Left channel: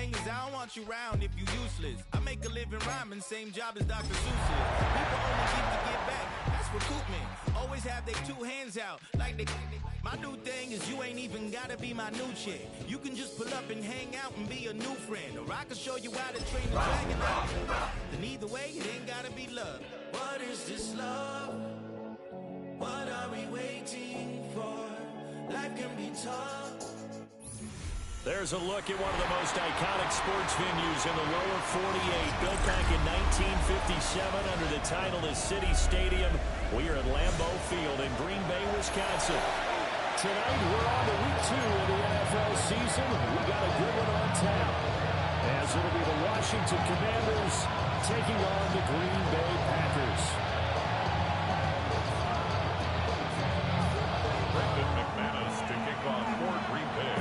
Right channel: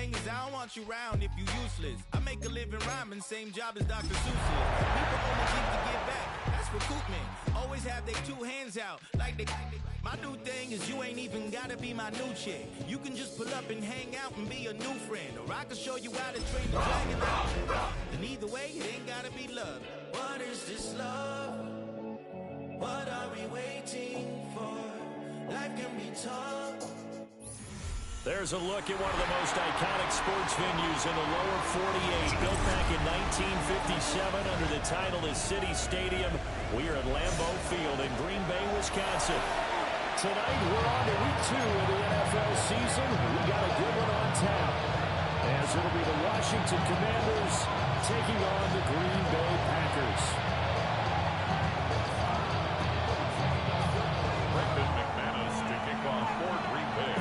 thing is I don't want you around if you useless. I make a living rhyming, same job as Dr. Seuss. People only keep to get back. That's recoupment. Always have their two hands out. Like they. My new thing is you ain't even gotta be my new chick. You can just pull up and hang out and be a new friend. Or I can show you how to train the dragon out. And either way, it ain't gotta be love. What is this love? What are we waiting for? Life can be tough. There's a look at one of the most iconic sports venues in the lower 48. Built back in 1957 under the title of City Stadium. We are at Lambeau Field in Green Bay, Wisconsin. Tonight, we're on to week 2 of the NFL season. We got a good one on tap, as it'll be the Washington Commanders taking on the Green Bay Packers. Brendan McManus to kick off for Green Bay.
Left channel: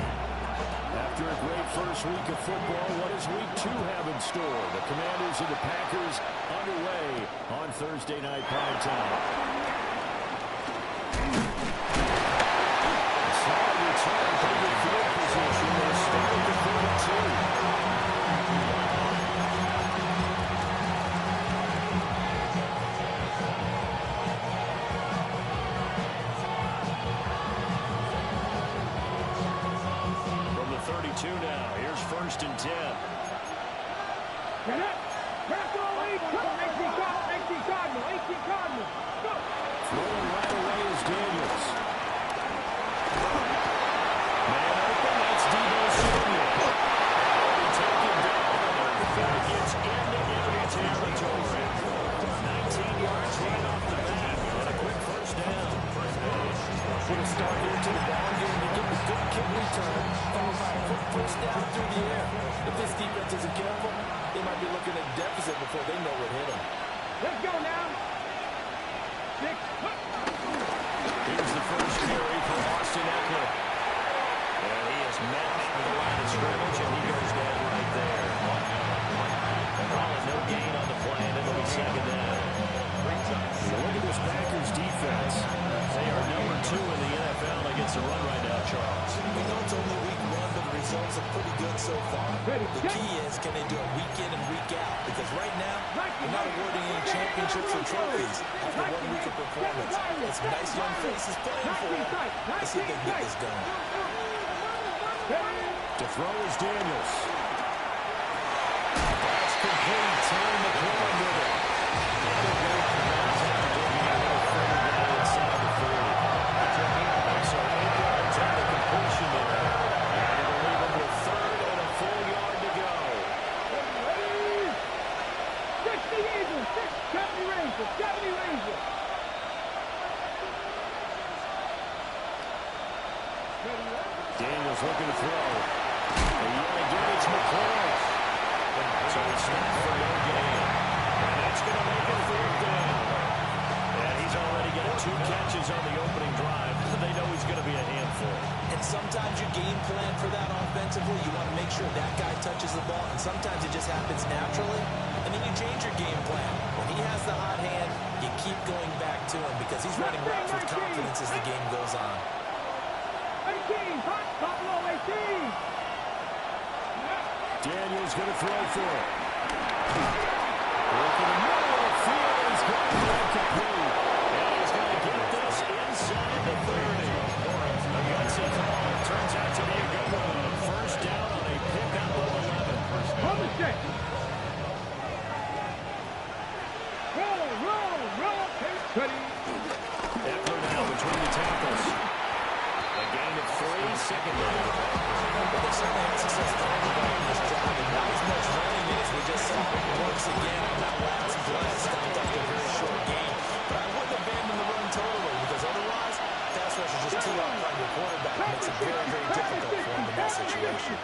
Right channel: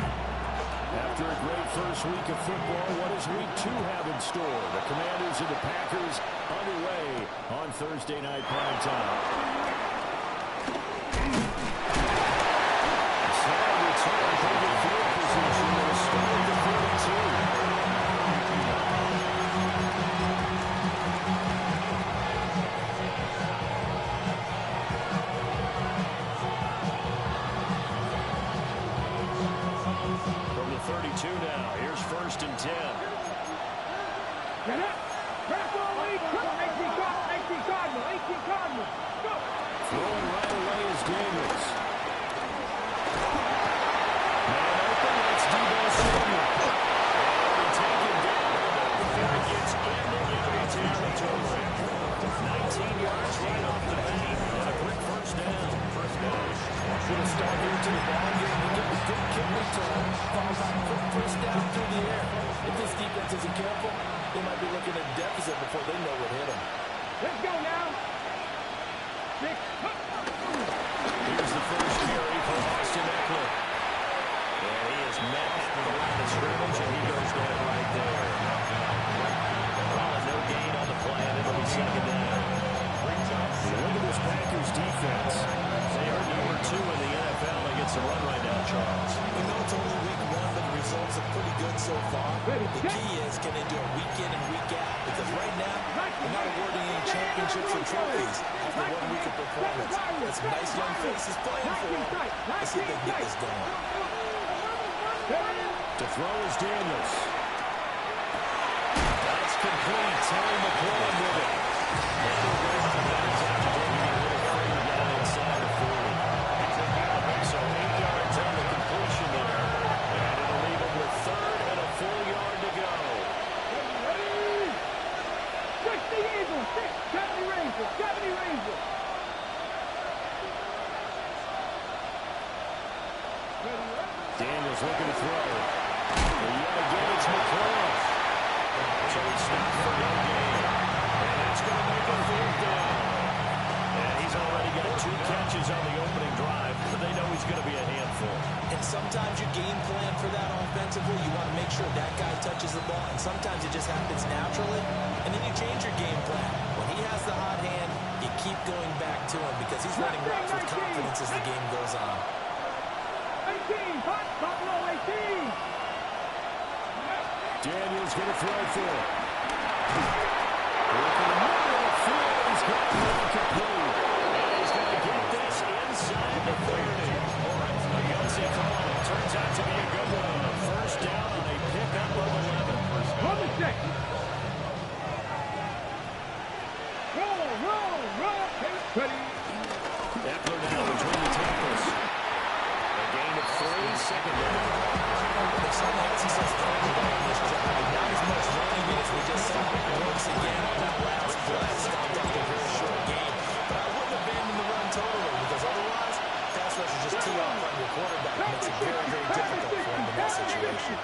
After a great first week of football, what does week 2 have in store? The Commanders and the Packers underway on Thursday night primetime. Solid return, pretty good field position. Will start at the 42. From the 32 now, here's 1st and 10. Get up! Press all the way! 18 Cardinal! Go! Throwing right away is Daniels. Man open, that's Deebo Samuel. And he taken down, and before he gets into enemy territory. 19 yards right off the bat, and a quick first down. With a start here to the ball game, he gets a good kick return, followed by a quick first down through the air. If this defense isn't careful, they might be looking at a deficit before they know what hit them. Let's go now. 6. Here's the first carry for Austin Eckler. And he is met at the line of scrimmage, and he goes down right there. Calling no gain on the play, and it'll be 2nd down. Look at this Packers defense. They are number 2 in the NFL against the run right now, Charles. We know it's only week 1, but the results are pretty good so far. The key is, can they do it week in and week out? Because right now, they're not awarding any championships or trophies after 1 week of performance. There's some nice young faces playing for them. Let's see if they can get this going. To throw is Daniels. That's complete. Terry McLaurin with it. And he'll go out of bounds after taking a little further down inside the 40. So 8 yards on the completion there. And it'll leave him with 3rd and a full yard to go. 60 Eagles, 70 Rangers. Daniels looking to throw. And yet again, it's McLaurin. So he stopped for no gain. And that's going to make it 4th down. And he's already got 2 catches on the opening drive. They know he's going to be a handful. And sometimes you game plan for that offensively. You want to make sure that guy touches the ball. And sometimes it just happens naturally. And then you change your game plan. When he has the hot hand, you keep going back to him because he's running routes with confidence as the game goes on. 18, hot, top low, 18. Daniels going to throw for it. Look in the middle of the field. He's got it incomplete. And he's going to get this inside the 30. A gutsy call. Turns out to be a good one. First down on a pickup of 11. Hold the check. Roll. Ready. Eckler now between the tackles. A gain of 3, 2nd down. But they certainly had success throwing on this drive, and not as much running it as we just saw once again on that last play. Stopped after a very short game. But I wouldn't abandon the run totally, because otherwise, pass rush is just too out front. Your quarterback makes it very, very difficult for him in that situation.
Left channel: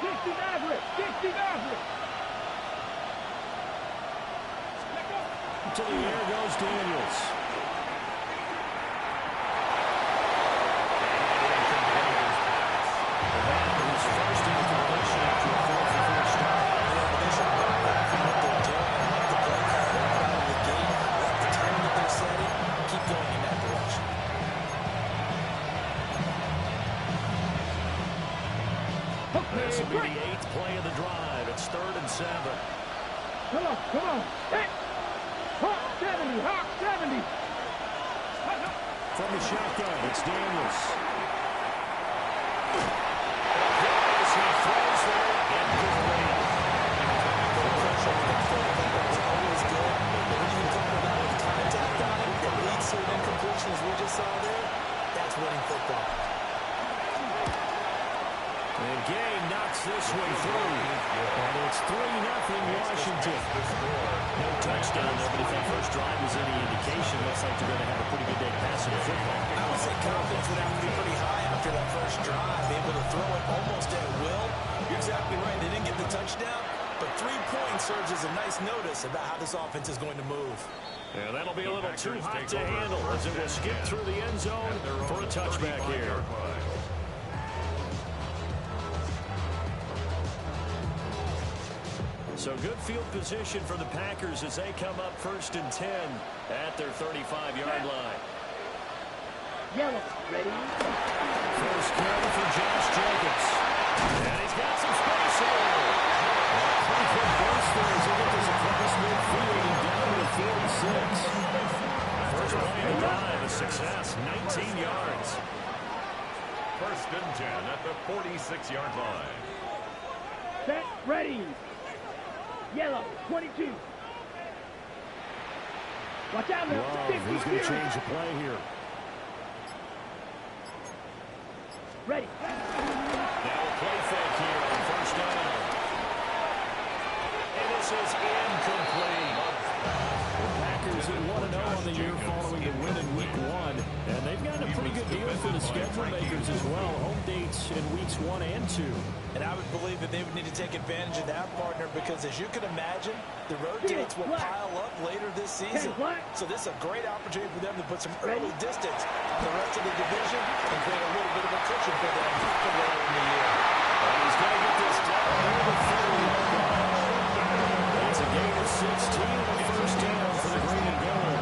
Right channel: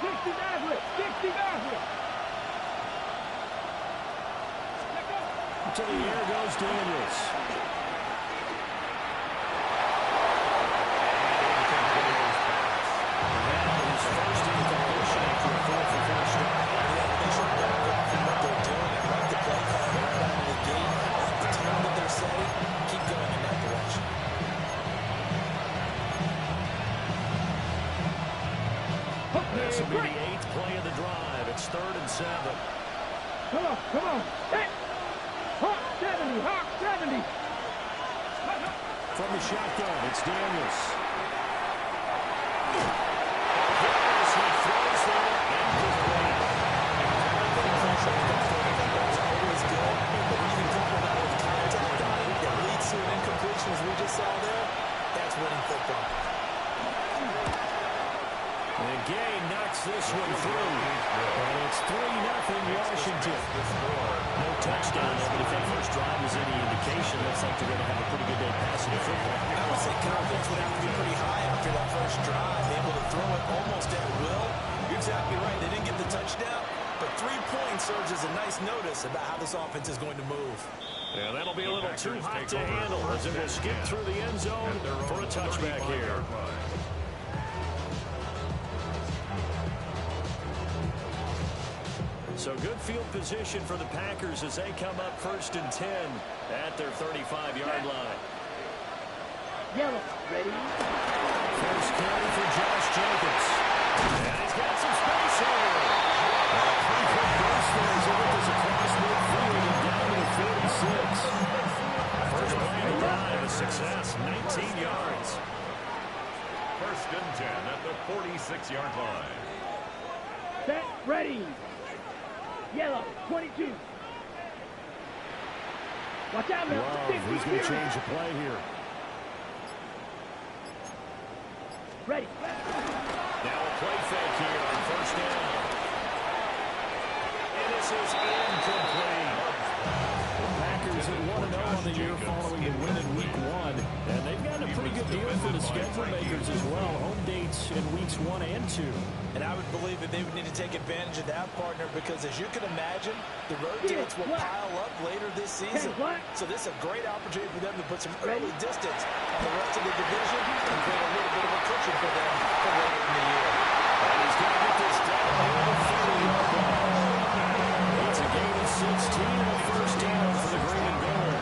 60 Maverick. To the air goes Daniels. His first incompletion after a 4-for-4 start. Yeah, they should back off from what they're doing. I like the play call right out of the gate. I like the tone that they're setting. Keep going in that direction. This will be the 8th play of the drive. It's 3rd and 7. Come on, come on. Set. Hawk 70, Hawk 70. From the shotgun, it's Daniels. He throws there and complete. Pressure with that third defense is always good. But when you can couple that with contact on it that leads to an incompletion as we just saw there, that's winning football. And Gay knocks this one through. And it's 3-0 Washington. No touchdown there, but if that first drive was any indication, looks like they're going to have a pretty good day passing the football. I would say confidence would have to be pretty high after that first drive, able to throw it almost at will. You're exactly right. They didn't get the touchdown, but 3 points serves as a nice notice about how this offense is going to move. Yeah, that'll be a little too hot to handle as it will skip through the end zone for a touchback here. So good field position for the Packers as they come up 1st and 10 at their 35-yard line. Yellow, ready? First carry for Josh Jacobs. And he's got some space here. A pretty quick burst there as he gets this across midfield and down to the 46. First play of the drive, a success, 19 yards. 1st and 10 at the 46-yard line. Set, ready. Yellow, 22. Watch out now. Love, he's going to change the play here. Ready. Now a play fake here on 1st down. And this is incomplete. The Packers at 1-0 on the year following the win in Week 1. And they've gotten a pretty good deal for the schedule makers as well. Home dates in Weeks 1 and 2. And I would believe that they would need to take advantage of that, partner, because as you can imagine, the road dates will pile up later this season. So this is a great opportunity for them to put some early distance on the rest of the division and create a little bit of a cushion for them for later in the year. And he's going to get this down near the 30-yard line. It's a gain of 16 and a first down for the green and gold.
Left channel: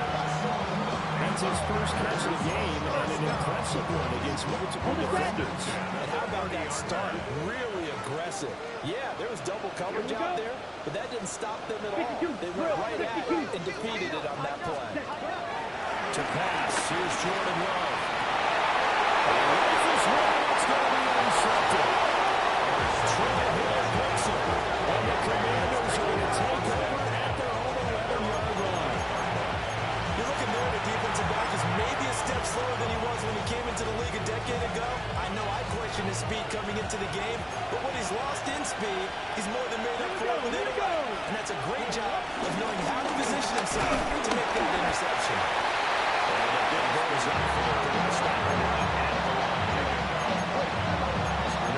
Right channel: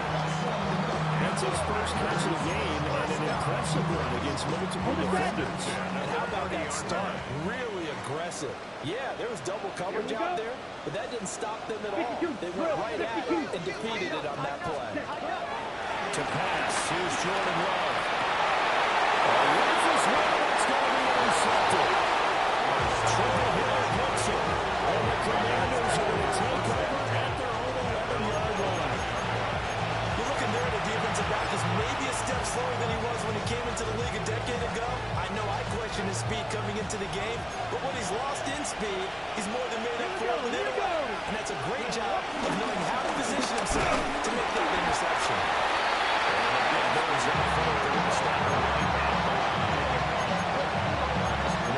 That's his first catch of the game and an impressive one against multiple defenders. And how about that start? Really aggressive. Yeah, there was double coverage out there, but that didn't stop them at all. They went right at it and defeated it on that play. To pass, here's Jordan Love. Rifles one, it's going to be intercepted. Trey Hill picks it, and the Commanders are going to take over at their own 11-yard line. You're looking there at a defensive back who's maybe a step slower than he was when he came into the league a decade ago. I know I questioned his speed coming into the game, but what he's lost in speed, he's more than made up for it with intellect. And that's a great job of knowing how to position himself to make that interception. And the big boys up front, they're going to stop him right at the line.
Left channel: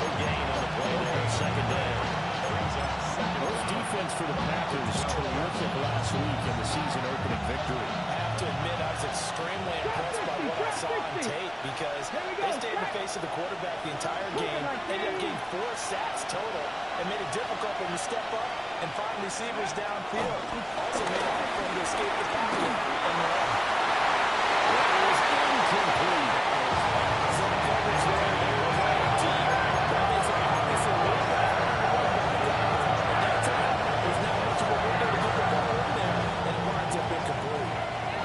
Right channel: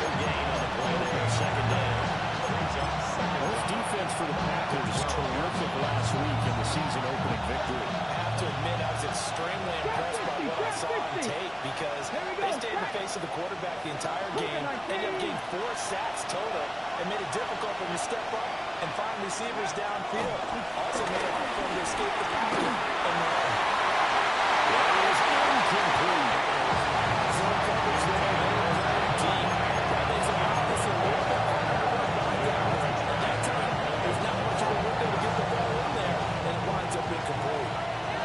No gain on the play there, 2nd down. First defense for the Packers, terrific last week in the season-opening victory. I have to admit, I was extremely impressed by what I saw on tape because they stayed in the face of the quarterback the entire game, ended up getting 4 sacks total, and made it difficult for him to step up and find receivers downfield. Also made it hard for him to escape the pocket and run. That is incomplete. Zone coverage there, they were playing deep. That makes it obviously a little bit harder to run by down. At that time, there's not much of a window to get the ball in there, and it winds up incomplete.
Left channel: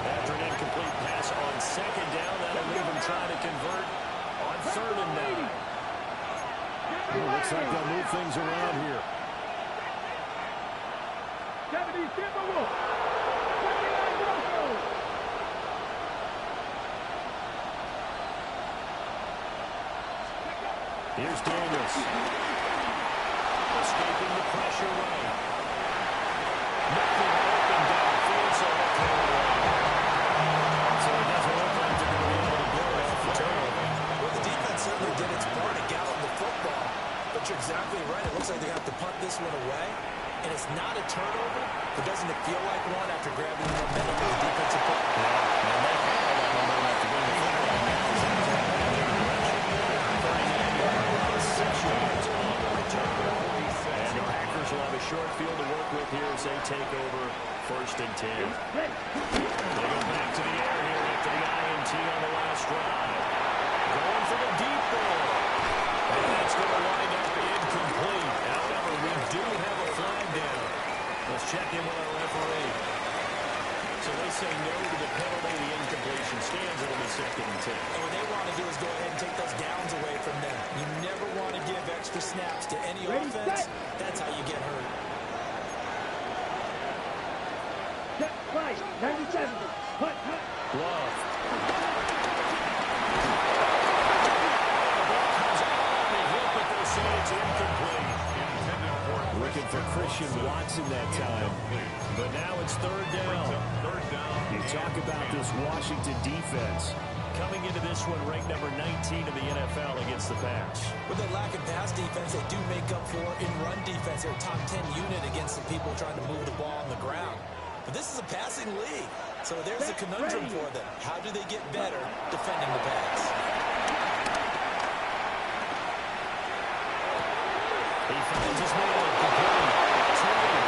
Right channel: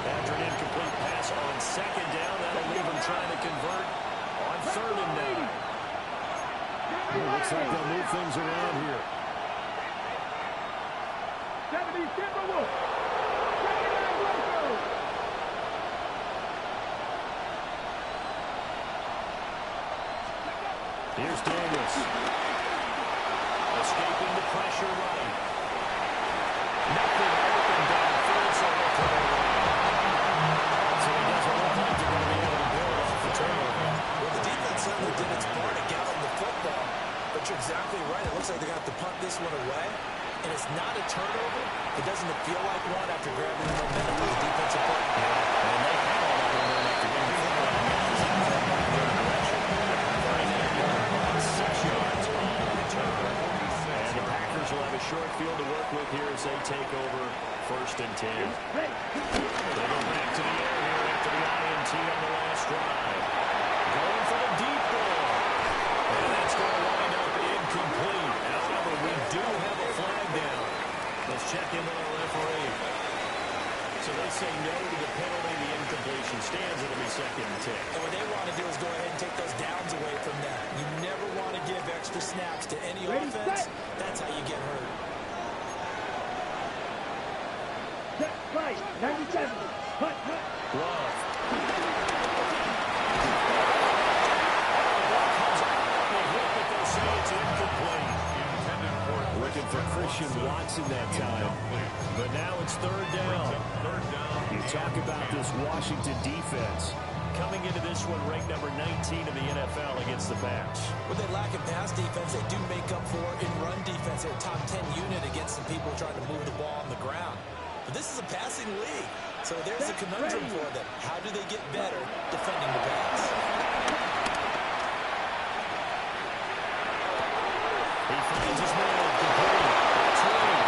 After an incomplete pass on 2nd down, that'll leave them trying to convert on 3rd and 9. Well, looks like they'll move things around here. 70 Timberwolves. 79 Broncos. Here's Daniels. Escaping the pressure right. Nothing open downfield, so he'll throw away. So it doesn't look like they're going to be able to build off the turnover. Well, the defense certainly did its part to gallop the football, but you're exactly right. It looks like they're going to have to punt this one away, and it's not a turnover, but doesn't it feel like one after grabbing the momentum of the defensive play? Yeah, and they had all that momentum after getting the football, and now is that thrown back the other direction. 39-yard run, 6 yards on the return. And the Packers will have a short field to work with here as they take over 1st and 10. They go back to the air here after the INT on the last drive. Going for the deep ball. And that's going to wind up incomplete. say no to the penalty. The incompletion stands. It'll be 2nd and 10. And what they want to do is go ahead and take those downs away from them. You never want to give extra snaps to any offense. That's how you get hurt. Set, right, 97. Hut, hut. Love. The ball comes on the hit, but they'll say it's incomplete. Looking for Christian Watson that time. But now it's 3rd down. You talk about this Washington defense. Coming into this one, ranked number 19 in the NFL against the pass. With their lack of pass defense, they do make up for in run defense. They're a top 10 unit against some people trying to move the ball on the ground. But this is a passing league, so there's a conundrum for them. How do they get better defending the pass? He finds his man complete. That's Reed.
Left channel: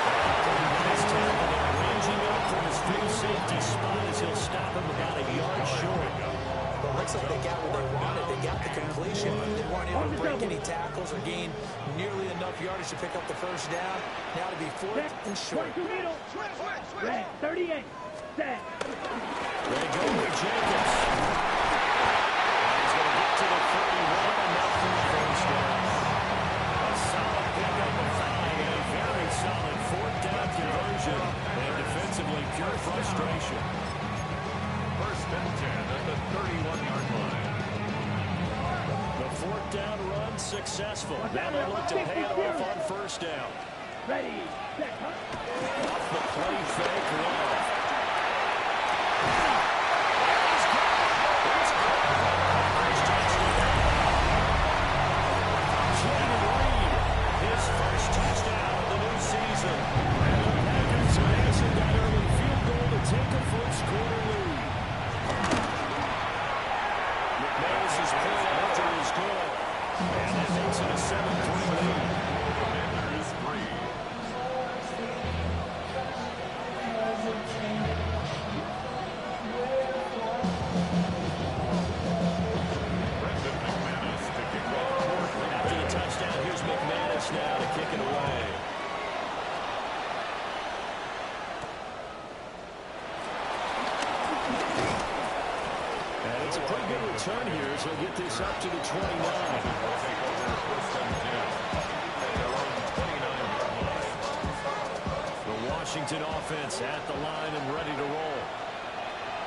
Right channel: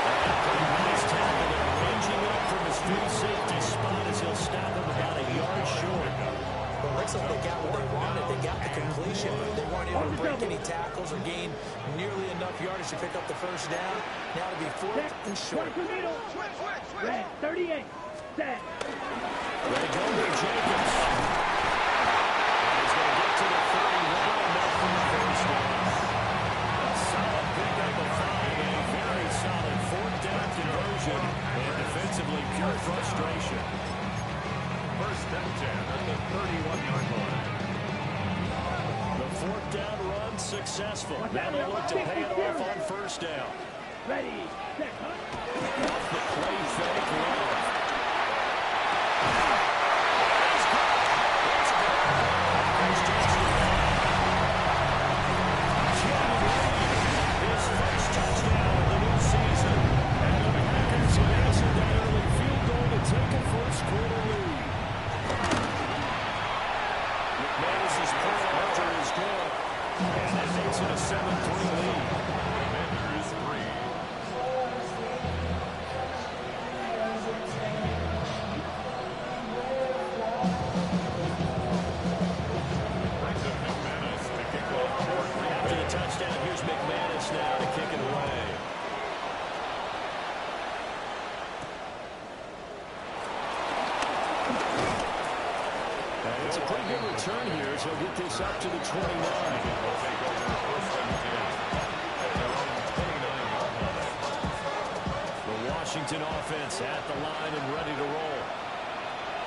And a pretty nice tackle there, ranging up from his free safety spot as he'll stop him about a yard short. Well, it looks like they got what they wanted. They got the completion, but they weren't able to break any tackles or gain nearly enough yardage to pick up the 1st down. Now to be 4th and short. Red, 38. Set. They go with Jacobs. And he's going to get to the 31, enough for the 1st down. A solid pickup of 5 and a very solid 4th down conversion. And defensively, pure frustration. 1st and 10 at the 31-yard line. The 4th down run successful. Now they look to pay it off on 1st down. Ready, set, hut. Off the play fake, Love. He's good. He's good. Packers touchdown. Jaden Reed, his 1st touchdown of the new season. And the Packers have answered that early field goal to take a 1st quarter lead. McManus's point after is good. And that makes it a 7-3 lead. Commanders 3. Brendan McManus to kick off for Green After Bay. the touchdown, here's McManus now to kick it away. And it's a pretty good return here as he'll get this up to the 29. Will take over 1st and 10 at their own 29-yard line. The Washington offense at the line and ready to roll.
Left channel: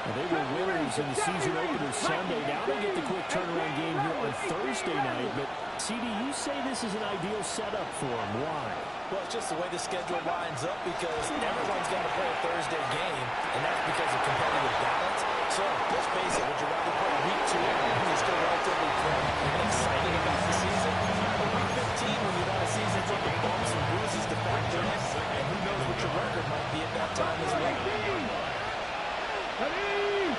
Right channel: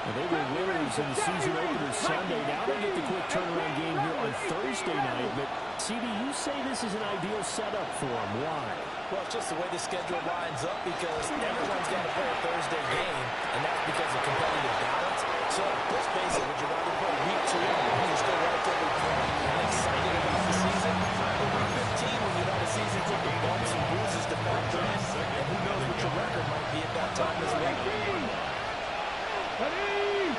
And they were winners in the season opener Sunday. Now they get the quick turnaround game here on Thursday night. But, CD, you say this is an ideal setup for them. Why? Well, it's just the way the schedule lines up because everyone's got to play a Thursday game, and that's because of competitive balance. So, let's face it, would you rather play week 2 when you're still relatively fresh and excited about the season, or week 15 when you've had a season full of bumps and bruises to factor in, and who knows what your record might be at that time as well. Ready!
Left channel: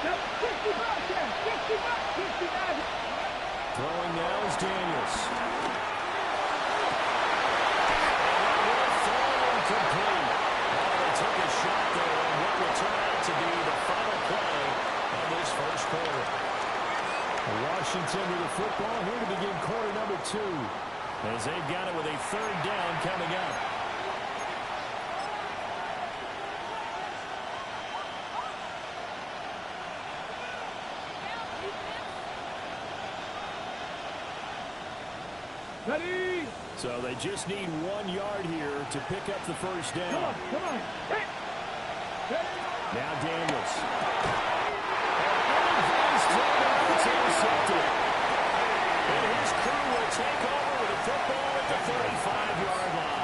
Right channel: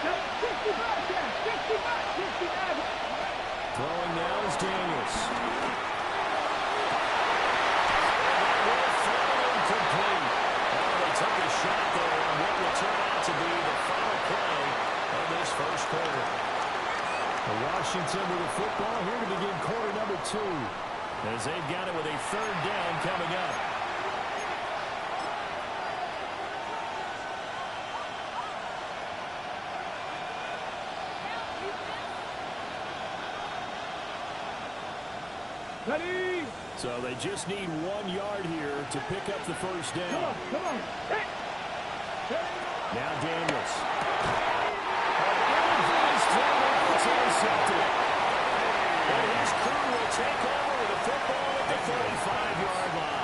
65, 69. Throwing now is Daniels. And that will fall incomplete. Oh, they took a shot there on what will turn out to be the final play of this 1st quarter. Washington with the football here to begin quarter number 2. As they've got it with a 3rd down coming up. Ready! So they just need 1 yard here to pick up the 1st Come down. on, come on. Hey! Now Daniels. Everybody's thrown out. It's intercepted. And his crew will take over with a football at the 35-yard line.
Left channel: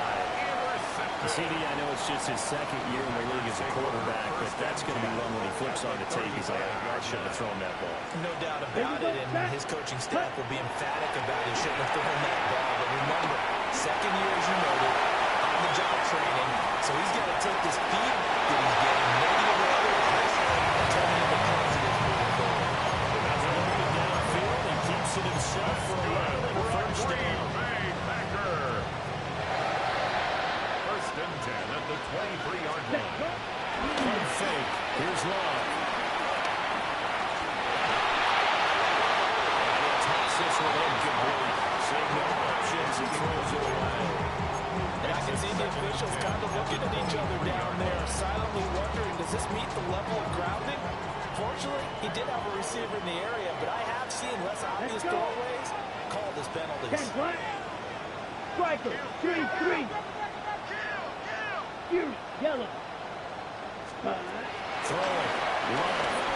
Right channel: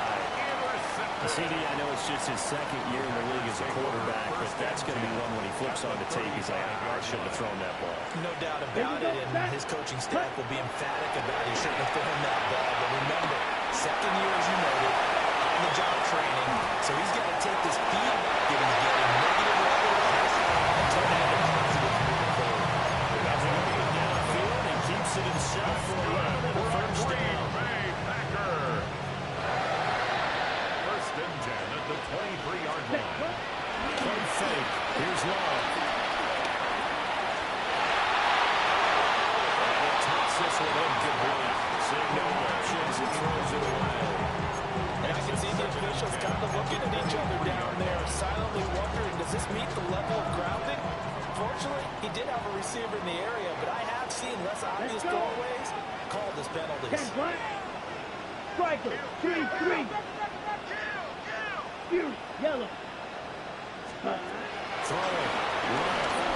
CD, I know it's just his 2nd year in the league as a quarterback, but that's going to be one when he flips on the tape. He's like, I shouldn't have thrown that ball. No doubt about it, and his coaching staff will be emphatic about he shouldn't have thrown that ball. But remember, 2nd year, as you noted, on-the-job training, so he's got to take this feedback that he's getting, negative or otherwise, and turn it into positives moving forward. Nothing moving downfield, and keeps it himself for 11 and a 1st down. Packer. 1st and 10 at the 23-yard line. Play fake. Here's Love. And he'll toss this one incomplete. Seeing no options, and throws it away. And I can see the officials kind of looking at each other down there, silently wondering, does this meet the level of grounding? Fortunately, he did have a receiver in the area, but I have seen less obvious throwaways called as penalties. 10 punt. Striker, 3-3. Fury, yellow. Throwing. Love.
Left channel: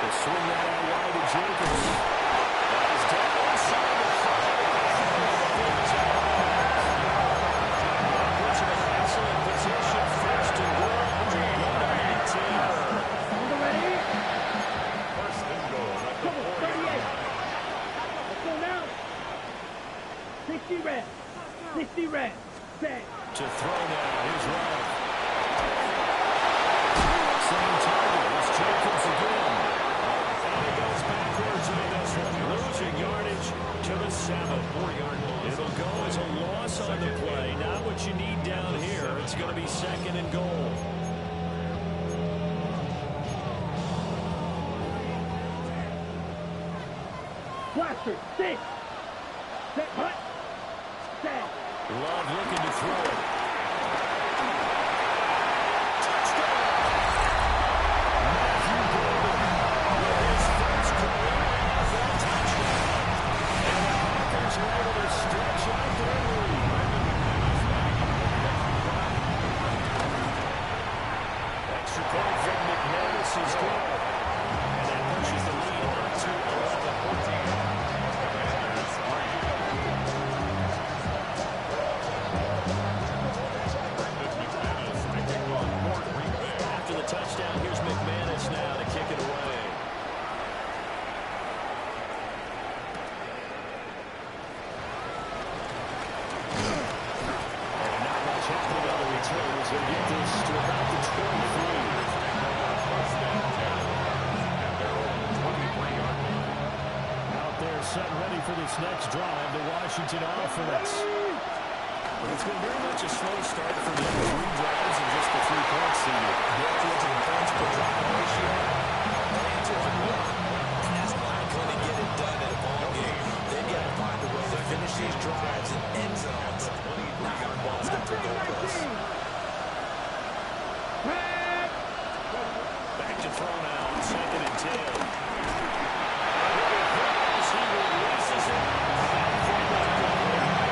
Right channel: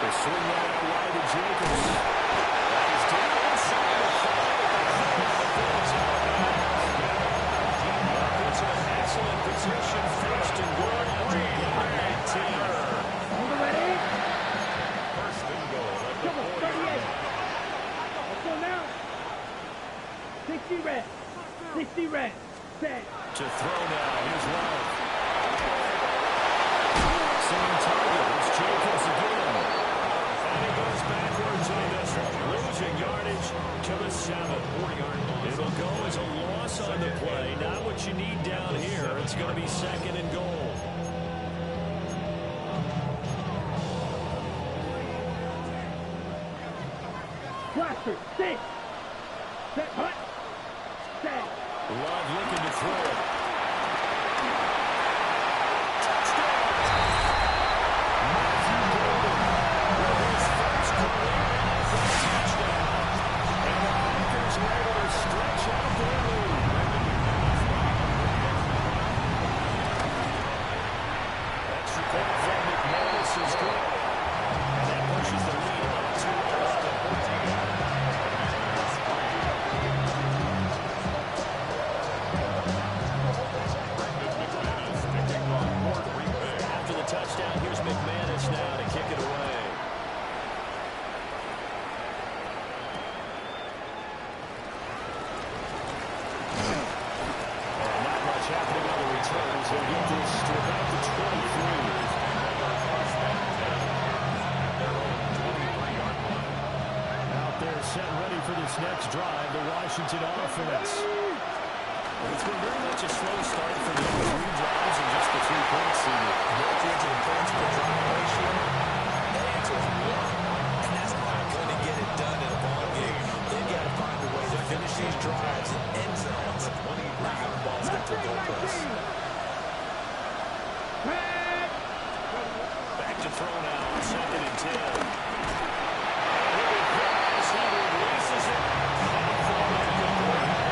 They swing that out wide to Jacobs. He's down inside the 5 at the corner before he's out of bounds. That puts him in excellent position. First and goal after a gain of 19. On the ready. First and goal at the Double 40. 38. Let's go now. 60 red. 60 red. Set. To throw now. Here's Love. Same target. It's Jacobs again. And he goes backwards on this one. Losing yardage to the 7. 4-yard loss. It'll go as a loss on the play. Not what you need down here. It's going to be second and goal. Blaster, 6. Set, punt. Set. Love looking to throw it. Matthew Golden with his first career NFL touchdown. And the Packers are able to stretch out their lead. Extra point from McManus is good. And that pushes the lead up to 11-14. After the touchdown, here's McManus now to kick it away. And not much happening on the return as they get this to about the 23. Out there set ready for this next drive, the Washington offense. It's been very much a slow start for them. 3 drives and just the 3 points seeded. Built into the points per drive ratio, that answer is 1. And that's not going to get it done in a ball game. They've got to find a way to finish these drives in end zones, not have balls get through goalposts. Back to throw now on 2nd and 10. And here he goes. He releases it. And from that complete.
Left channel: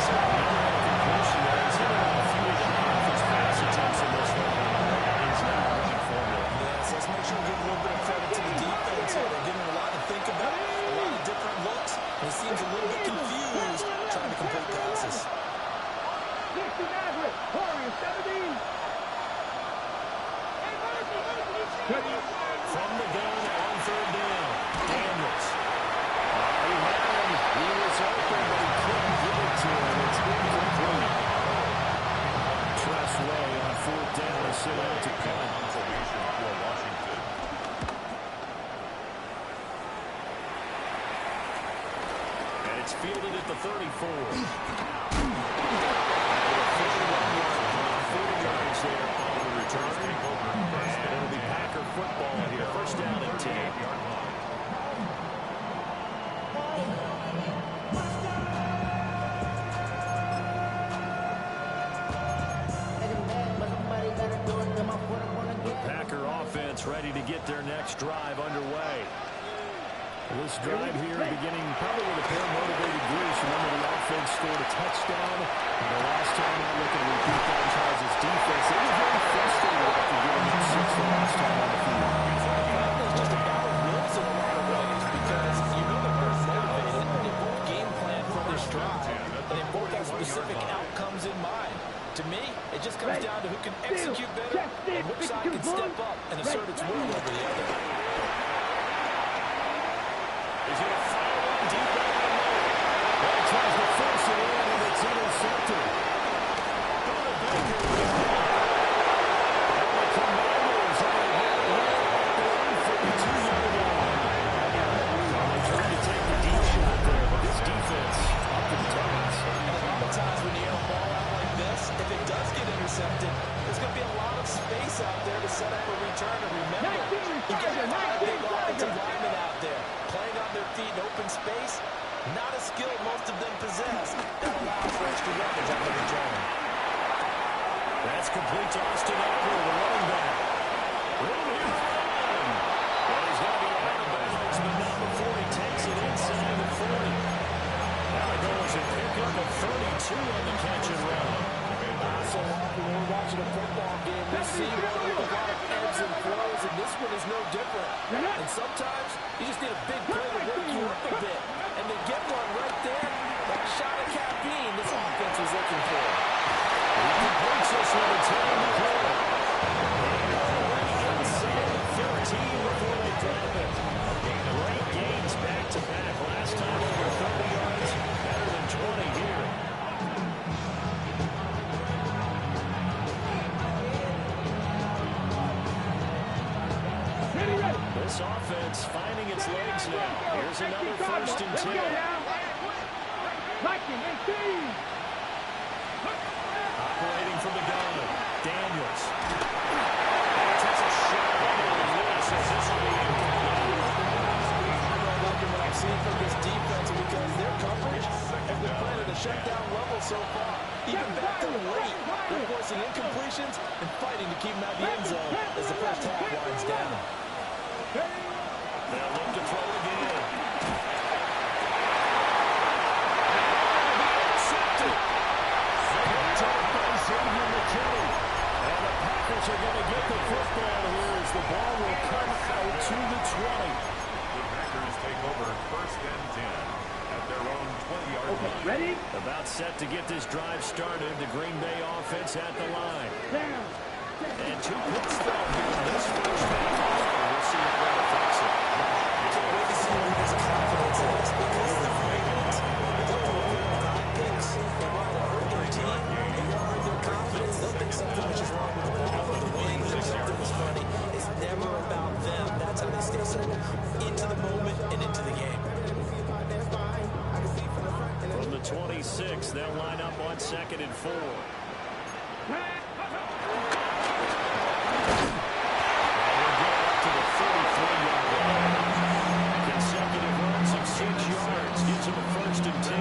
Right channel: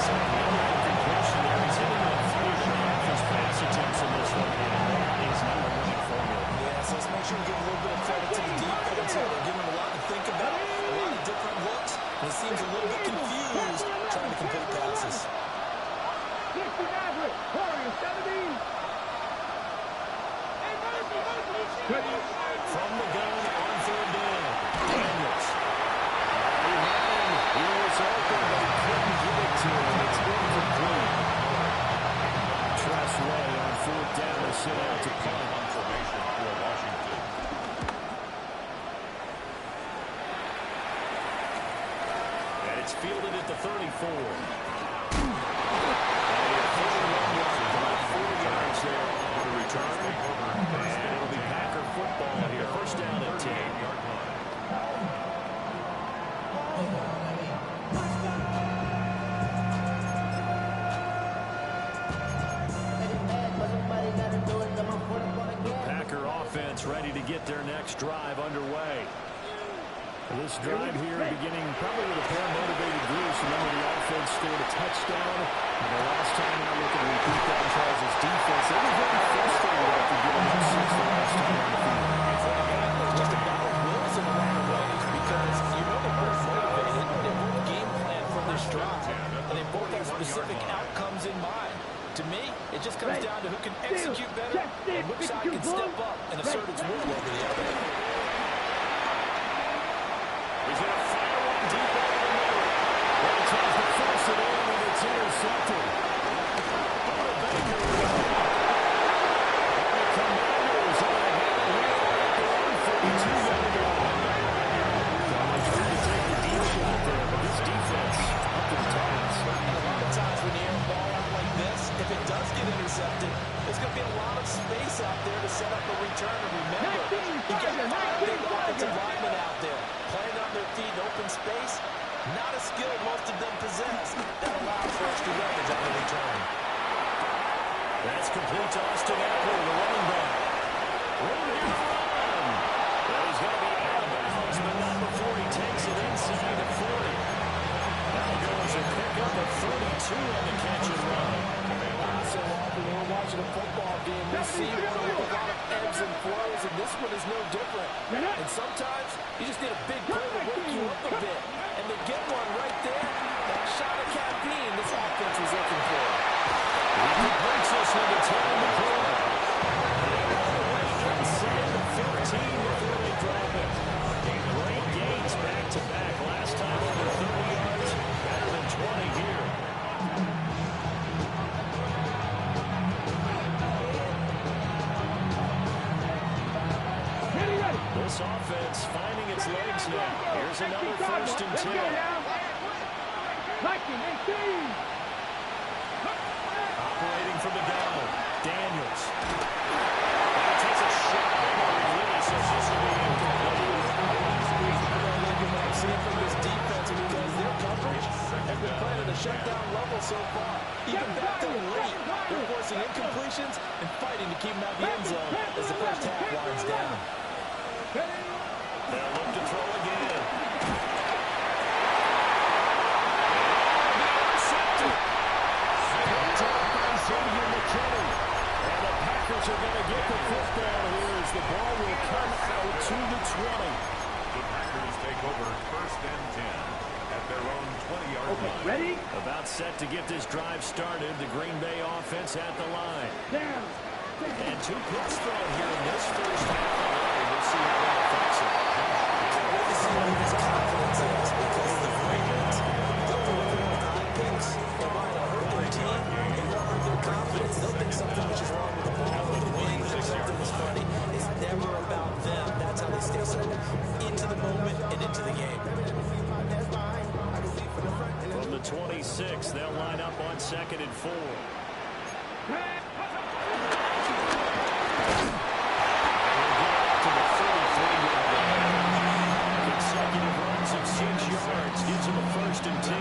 So the other incompletion there is hitting a few of the half-his pass attempts in this one. And that is not a winning formula. Yeah, so let's make sure we give a little bit of credit to the defense here. They're giving them a lot to think about, a lot of different looks, and it seems a little bit confused trying to complete passes. 60 Maverick. Warriors, 17. From the gun on 3rd down. Daniels. He had him. He was open, but he couldn't give it to him. It's incomplete. Tress Way on 4th down to sit out to punt. On formation for Washington. And it's fielded at the 34. And a 41-yard punt, 40 yards there on the return. And it'll be Packer football here. First down and 10. The Packer offense ready to get their next drive underway. This drive here beginning probably with a pair of motivated groups. Remember, the offense scored a touchdown. And the last time out, looking to repeat that in Charles' defense. They were very frustrated after giving up 6 the last time on the field. It's just a battle of wills in a lot of ways because you know they're both motivated. They both game plan for this drive, and they both have specific outcomes in mind. To me, it just comes down to who can execute better and which side can step up and assert its will over the other. He's going to fire one deep over the middle. Well, he tries to force it in, and it's intercepted. Buda Baker with it. And the Commanders are going to have it here at their own 42-yard line. They tried to take the deep shot there, but this defense up to the task. And a lot of times when you air a ball out like this, if it does get intercepted, there's going to be a lot of space out there to set up a return. And remember, you got 5 big offensive linemen out there playing on their feet in open space, not a skill most of them possess that allows for extra yardage on the return. That's complete to Austin Ekeler, the running back. Room here for a run. And he's going to be out of bounds, but not before he takes it inside the 40. Now it goes and pick up a 32 on the catch and run. So often when we're watching a football game, we see one with a lot of ebbs and flows, and this one is no different. And sometimes you just need a big play to wake you up a bit. And they get one right there. That shot of caffeine this offense was looking for. He completes this with a 10 in the corner. Inside the 15 before they drop it. Great gains back-to-back. Last time over 30 yards, better than 20 here. This offense finding its legs now. Here's another 1st and 10. Operating from the gun, Daniels. And he takes a shot on the release as this will be incomplete. I'm really liking what I'm seeing from this defense because their coverage has been playing at a shutdown level so far. Even back to late, they're forcing incompletions and fighting to keep them out of the end zone as the first half winds down. They'll look to throw again. Picked up by Xavier McKinney. And the Packers are going to get the football here as the ball will come out to the 20. The Packers take over 1st and 10 at their own 20-yard line. Ready? About set to get this drive started. The Green Bay offense at the line. Down. And 2 picks thrown here in this first half. We'll see how that affects it. Can't wait to see where his confidence is because the Ravens don't deliver with high picks. They'll try to hurt their team and they'll hurt their confidence. They'll think something which is wrong with the ball. But the winning something is funny. It's never about them. That's how they stay so into the moment and into the game. From the 26, they'll line up on 2nd and 4. To the 33-yard line. Consecutive runs of 6 yards gives him a 1st and 10.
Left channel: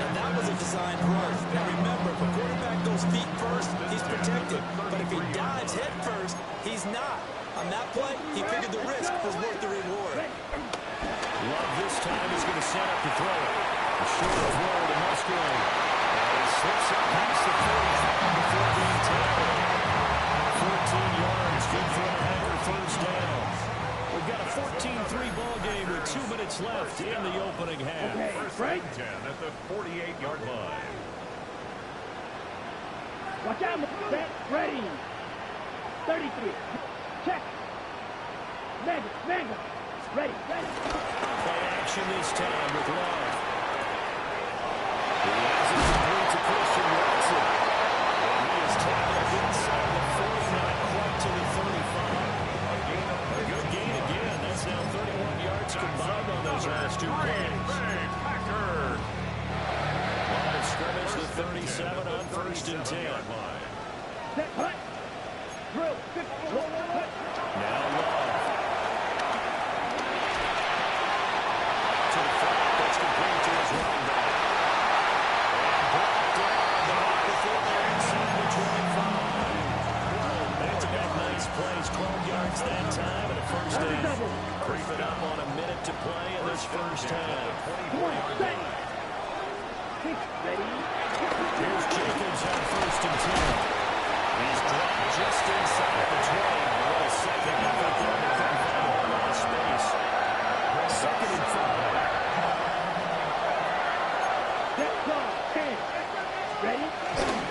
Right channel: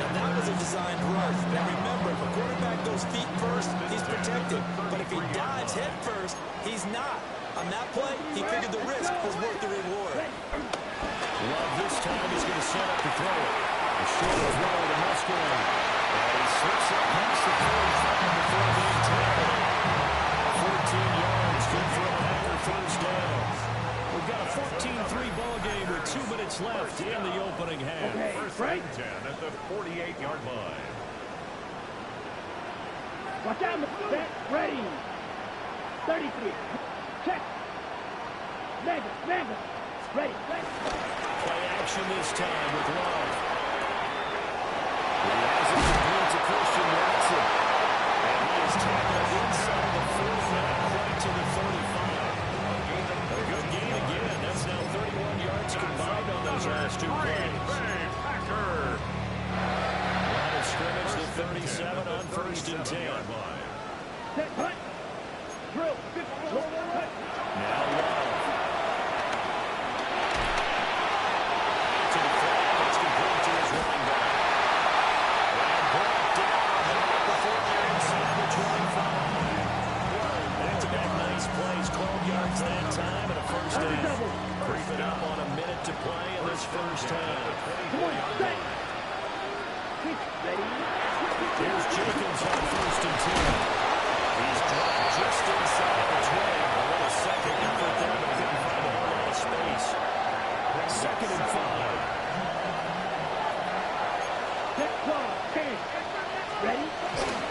Now that was a designed run. Now remember, if a quarterback goes feet first, he's protected. But if he dives head first, he's not. On that play, he figured the risk was worth the reward. Love this time is going to set up to throw it. A short throw to Musgrave. And he slips up past the 45 before being tackled. 14 yards, good for a Packer 1st down. We've got a 14-3 ball game with 2 minutes left in the opening half. Okay, 1st and 10 at the 48-yard line. Watch out, set, ready. 33. Check. Mega. Ready. Play action this time with Love. He has it complete to Christian Watson. And he is tackled inside the 40, not quite to the 35. A good gain again. That's now 31 yards combined on those last 2 plays. Packer. Line of scrimmage, the 37 on 1st and 10. Set, hut. Drill. Hut. Now Love. To the flat. That's complete to his running back. And brought down, but not before they're inside the 25. Back-to-back nice plays, 12 yards that time, and a 1st down. Creeping up on a minute to play in this first half. Ready. Here's Jacobs on 1st and 10. He's dropped just inside the 20. A little second effort there, but couldn't find a whole lot of space. 2nd and 5. Set, clock, 10. Ready.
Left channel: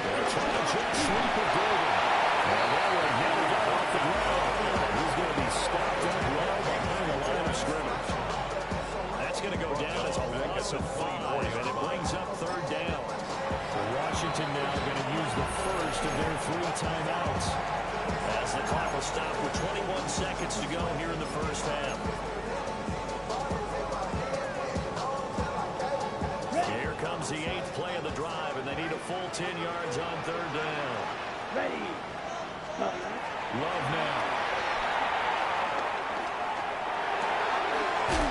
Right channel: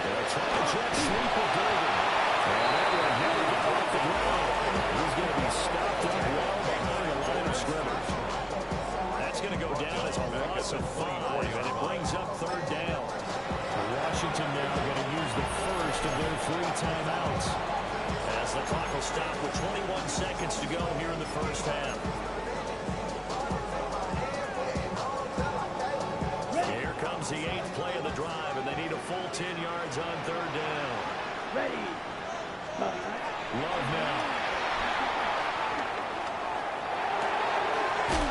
They're trying to jet sweep of Golden. And that one never got off the ground. He's going to be stopped up well behind the line of scrimmage. That's going to go down as a loss of 5, and it brings up 3rd down. Washington now going to use the first of their 3 timeouts as the clock will stop with 21 seconds to go here in the first half. Here comes the 8th play of the drive, and they need a full 10 yards on 3rd down. Ready. Love now.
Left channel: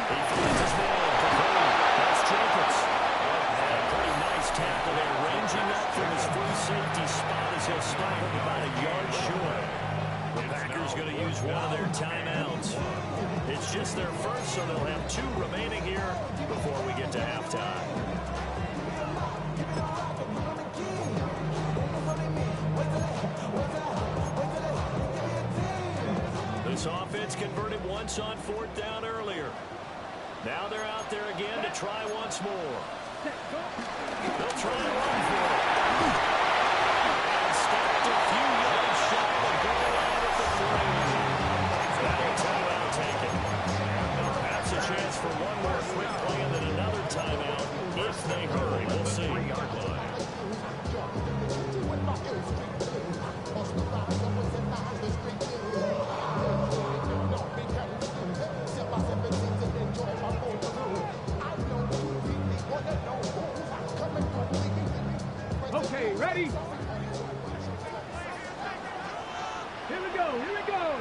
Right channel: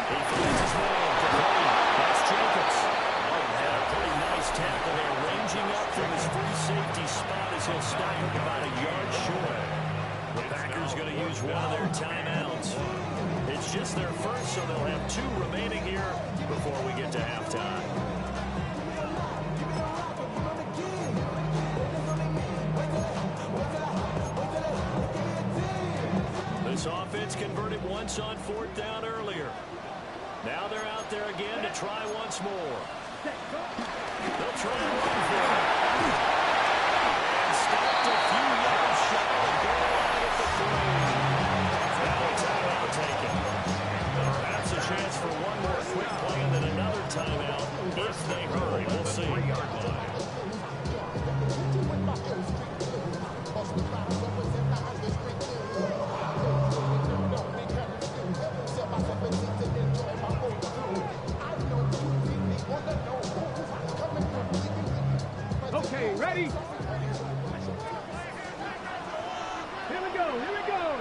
He finds his man. tackle there, ranging up from his free safety spot as he'll stop him about a yard short. The Packers going to use one of their timeouts. It's just their first, so they'll have 2 remaining here before we get to halftime. This offense converted once on 4th down earlier. Now they're out there again to try once more. They'll try and run for it. And stopped a few yards shy of the goal line at the 3. Now a timeout taken. Perhaps a chance for one more quick play and then another timeout if they hurry. We'll see. 3-yard line. Okay, ready? Here we go, here we go.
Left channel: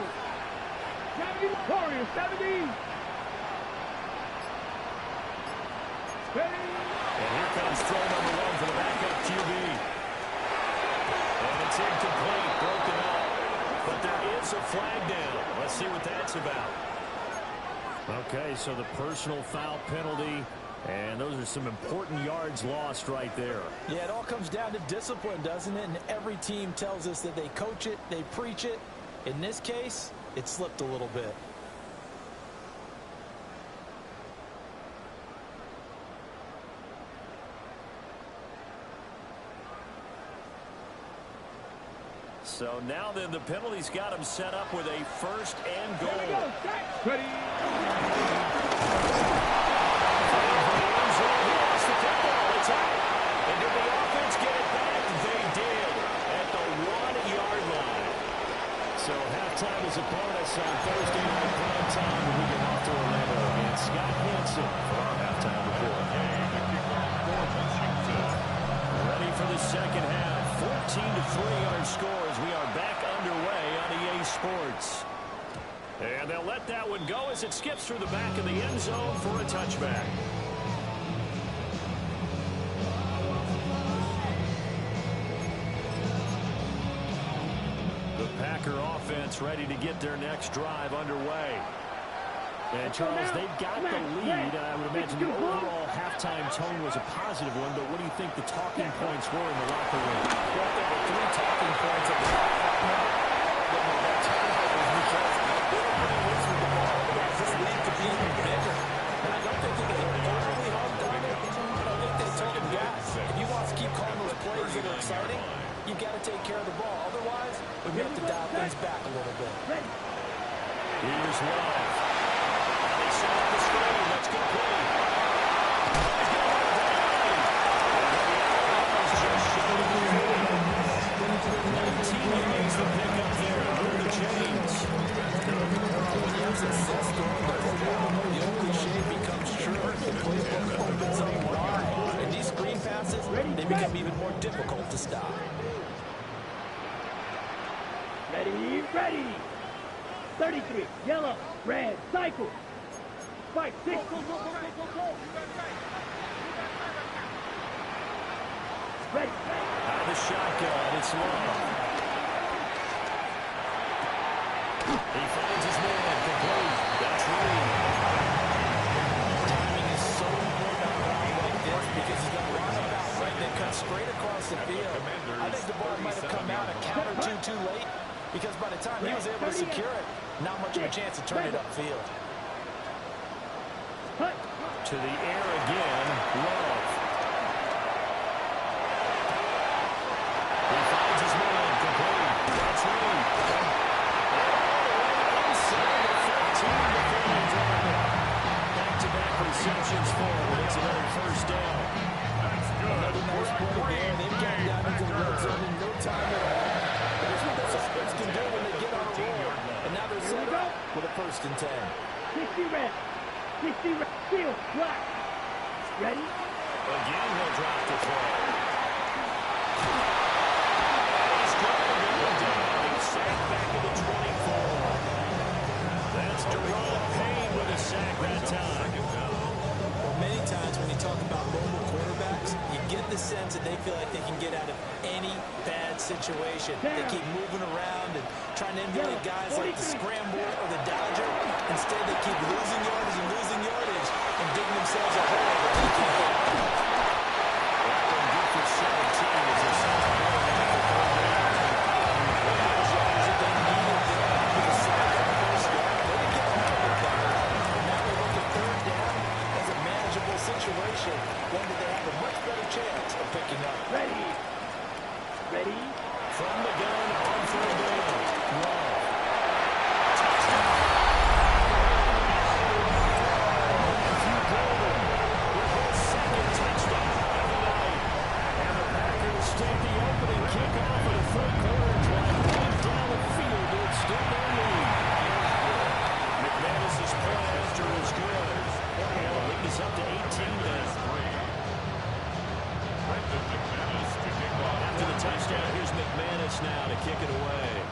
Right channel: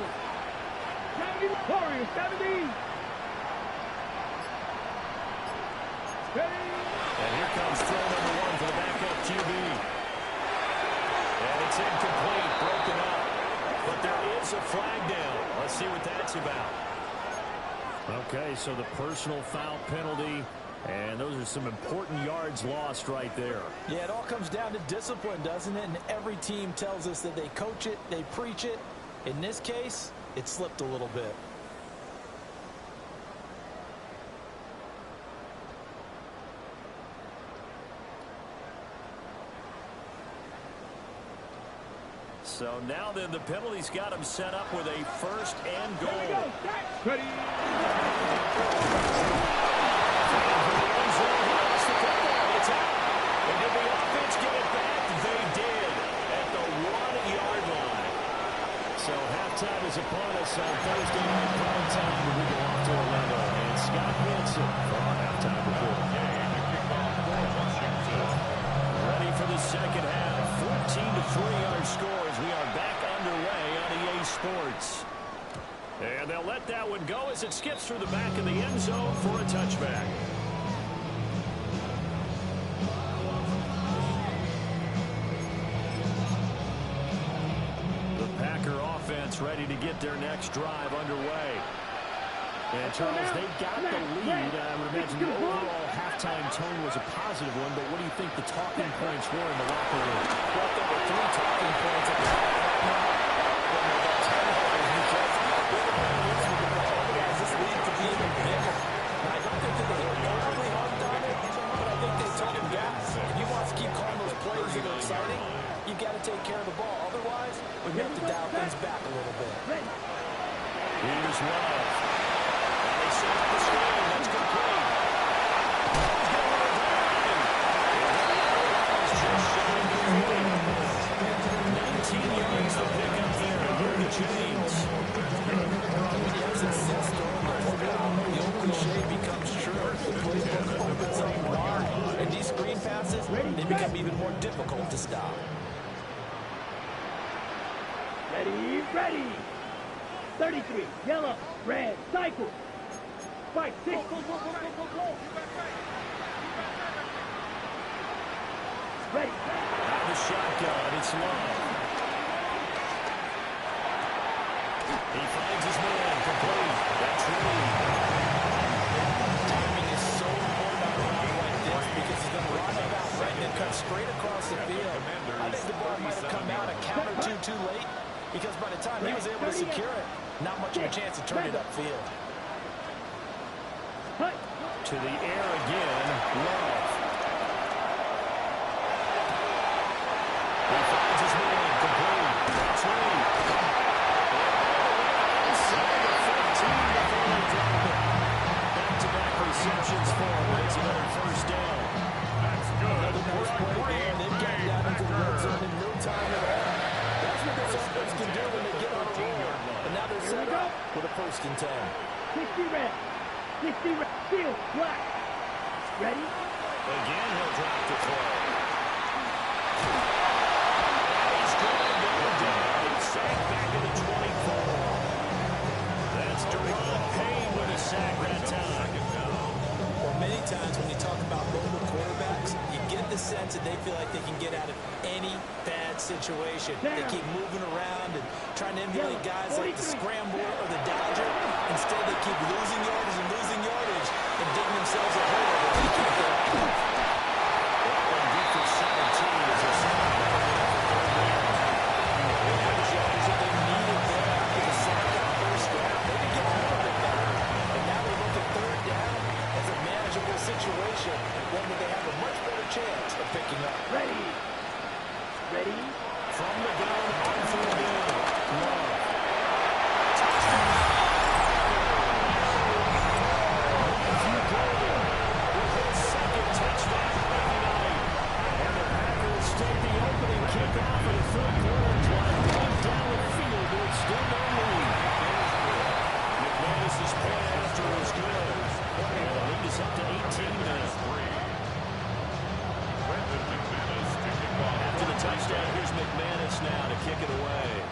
70 Warriors, 70. Ready? And here comes throw number 1 for the backup QB. And it's incomplete, broken up. But there is a flag down. Let's see what that's about. Okay, so the personal foul penalty, and those are some important yards lost right there. Yeah, it all comes down to discipline, doesn't it? And every team tells us that they coach it, they preach it. In this case, it slipped a little bit. So now then, the penalty's got him set up with a 1st and goal. Here we go, set. Ready? Fighting for the end zone. He lost the football. It's out. And did the offense get it back? They did at the 1-yard line. So halftime is upon us on Thursday night prime time when we get off to Orlando. And Scott Hanson for our halftime report. Ready for the second half. 14-3 our score as we are back underway on EA Sports. And they'll let that one go as it skips through the back of the end zone for a touchback. The Packer offense ready to get their next drive underway. And, Charles, they've got the lead. I would imagine the overall halftime tone was a positive one, but what do you think the talking points were in the locker room? Well, there were 3 talking points at the top about turnovers because they were pretty loose with the ball. Otherwise, this lead could be even bigger. Now, I don't think that they overly hugged on it, but I think they told him, guys, if you want to keep calling those plays that are exciting, you've got to take care of the ball. Otherwise, we're going to have to dial things back a little bit. Here's Love. They set up the screen. That's complete. Oh, he's going to the line. And just shy of the 40. 19 yards to pick up there. Under the chains. When you have success throwing the football, the old cliche becomes true. The playbook opens up wide. And these screen passes, they become even more difficult to stop. Ready, ready. 33, yellow, red, cycle. 5, 6. Go. Ready. Out of the shotgun, it's Love. He finds his man, complete. That's Reed. Timing is so important on a route like this because he's going to run it out right and then cut straight across the field. I think the ball might have come out a count or two too late because by the time he was able to secure it, not much of a chance to turn it upfield. To the air again, Love. He finds his man, complete. That's Reed. Inside the 15 before they drop it. Back-to-back receptions for him. It's another 1st down. That's good. Another nice play there. They've gotten down into the red zone in no time at all. That's what this offense can do when they get on a roll. And now they're set up with a 1st and 10. 60 red. 60 red. Field, black. Ready? Again, he'll drop the throw. And he's going to go down. He's sacked back to the 24. That's Deron Payne with a sack that time. Well, many times when you talk about mobile quarterbacks, you get the sense that they feel like they can get out of any bad situation. They keep moving around and trying to emulate guys like the Scrambler or the Dodger. Instead, they keep losing yardage and digging themselves a hole that they can't get out of. That one good for 17 as they're sending the ball down for third down. That was yardage that they needed there after the sack on first down. They didn't get a little bit better. And now we look at third down as a manageable situation, one that they have a much better chance of picking up. Ready. Ready. From the gun on third down. Love. Touchdown. Matthew Golden with his second touchdown of the night. And the Packers take the opening kickoff of the third quarter and drive right down the field to extend their lead. McManus's point after is good. And the lead is up to 18 now. Brendan McManus to kick off. After the touchdown, here's McManus now to kick it away.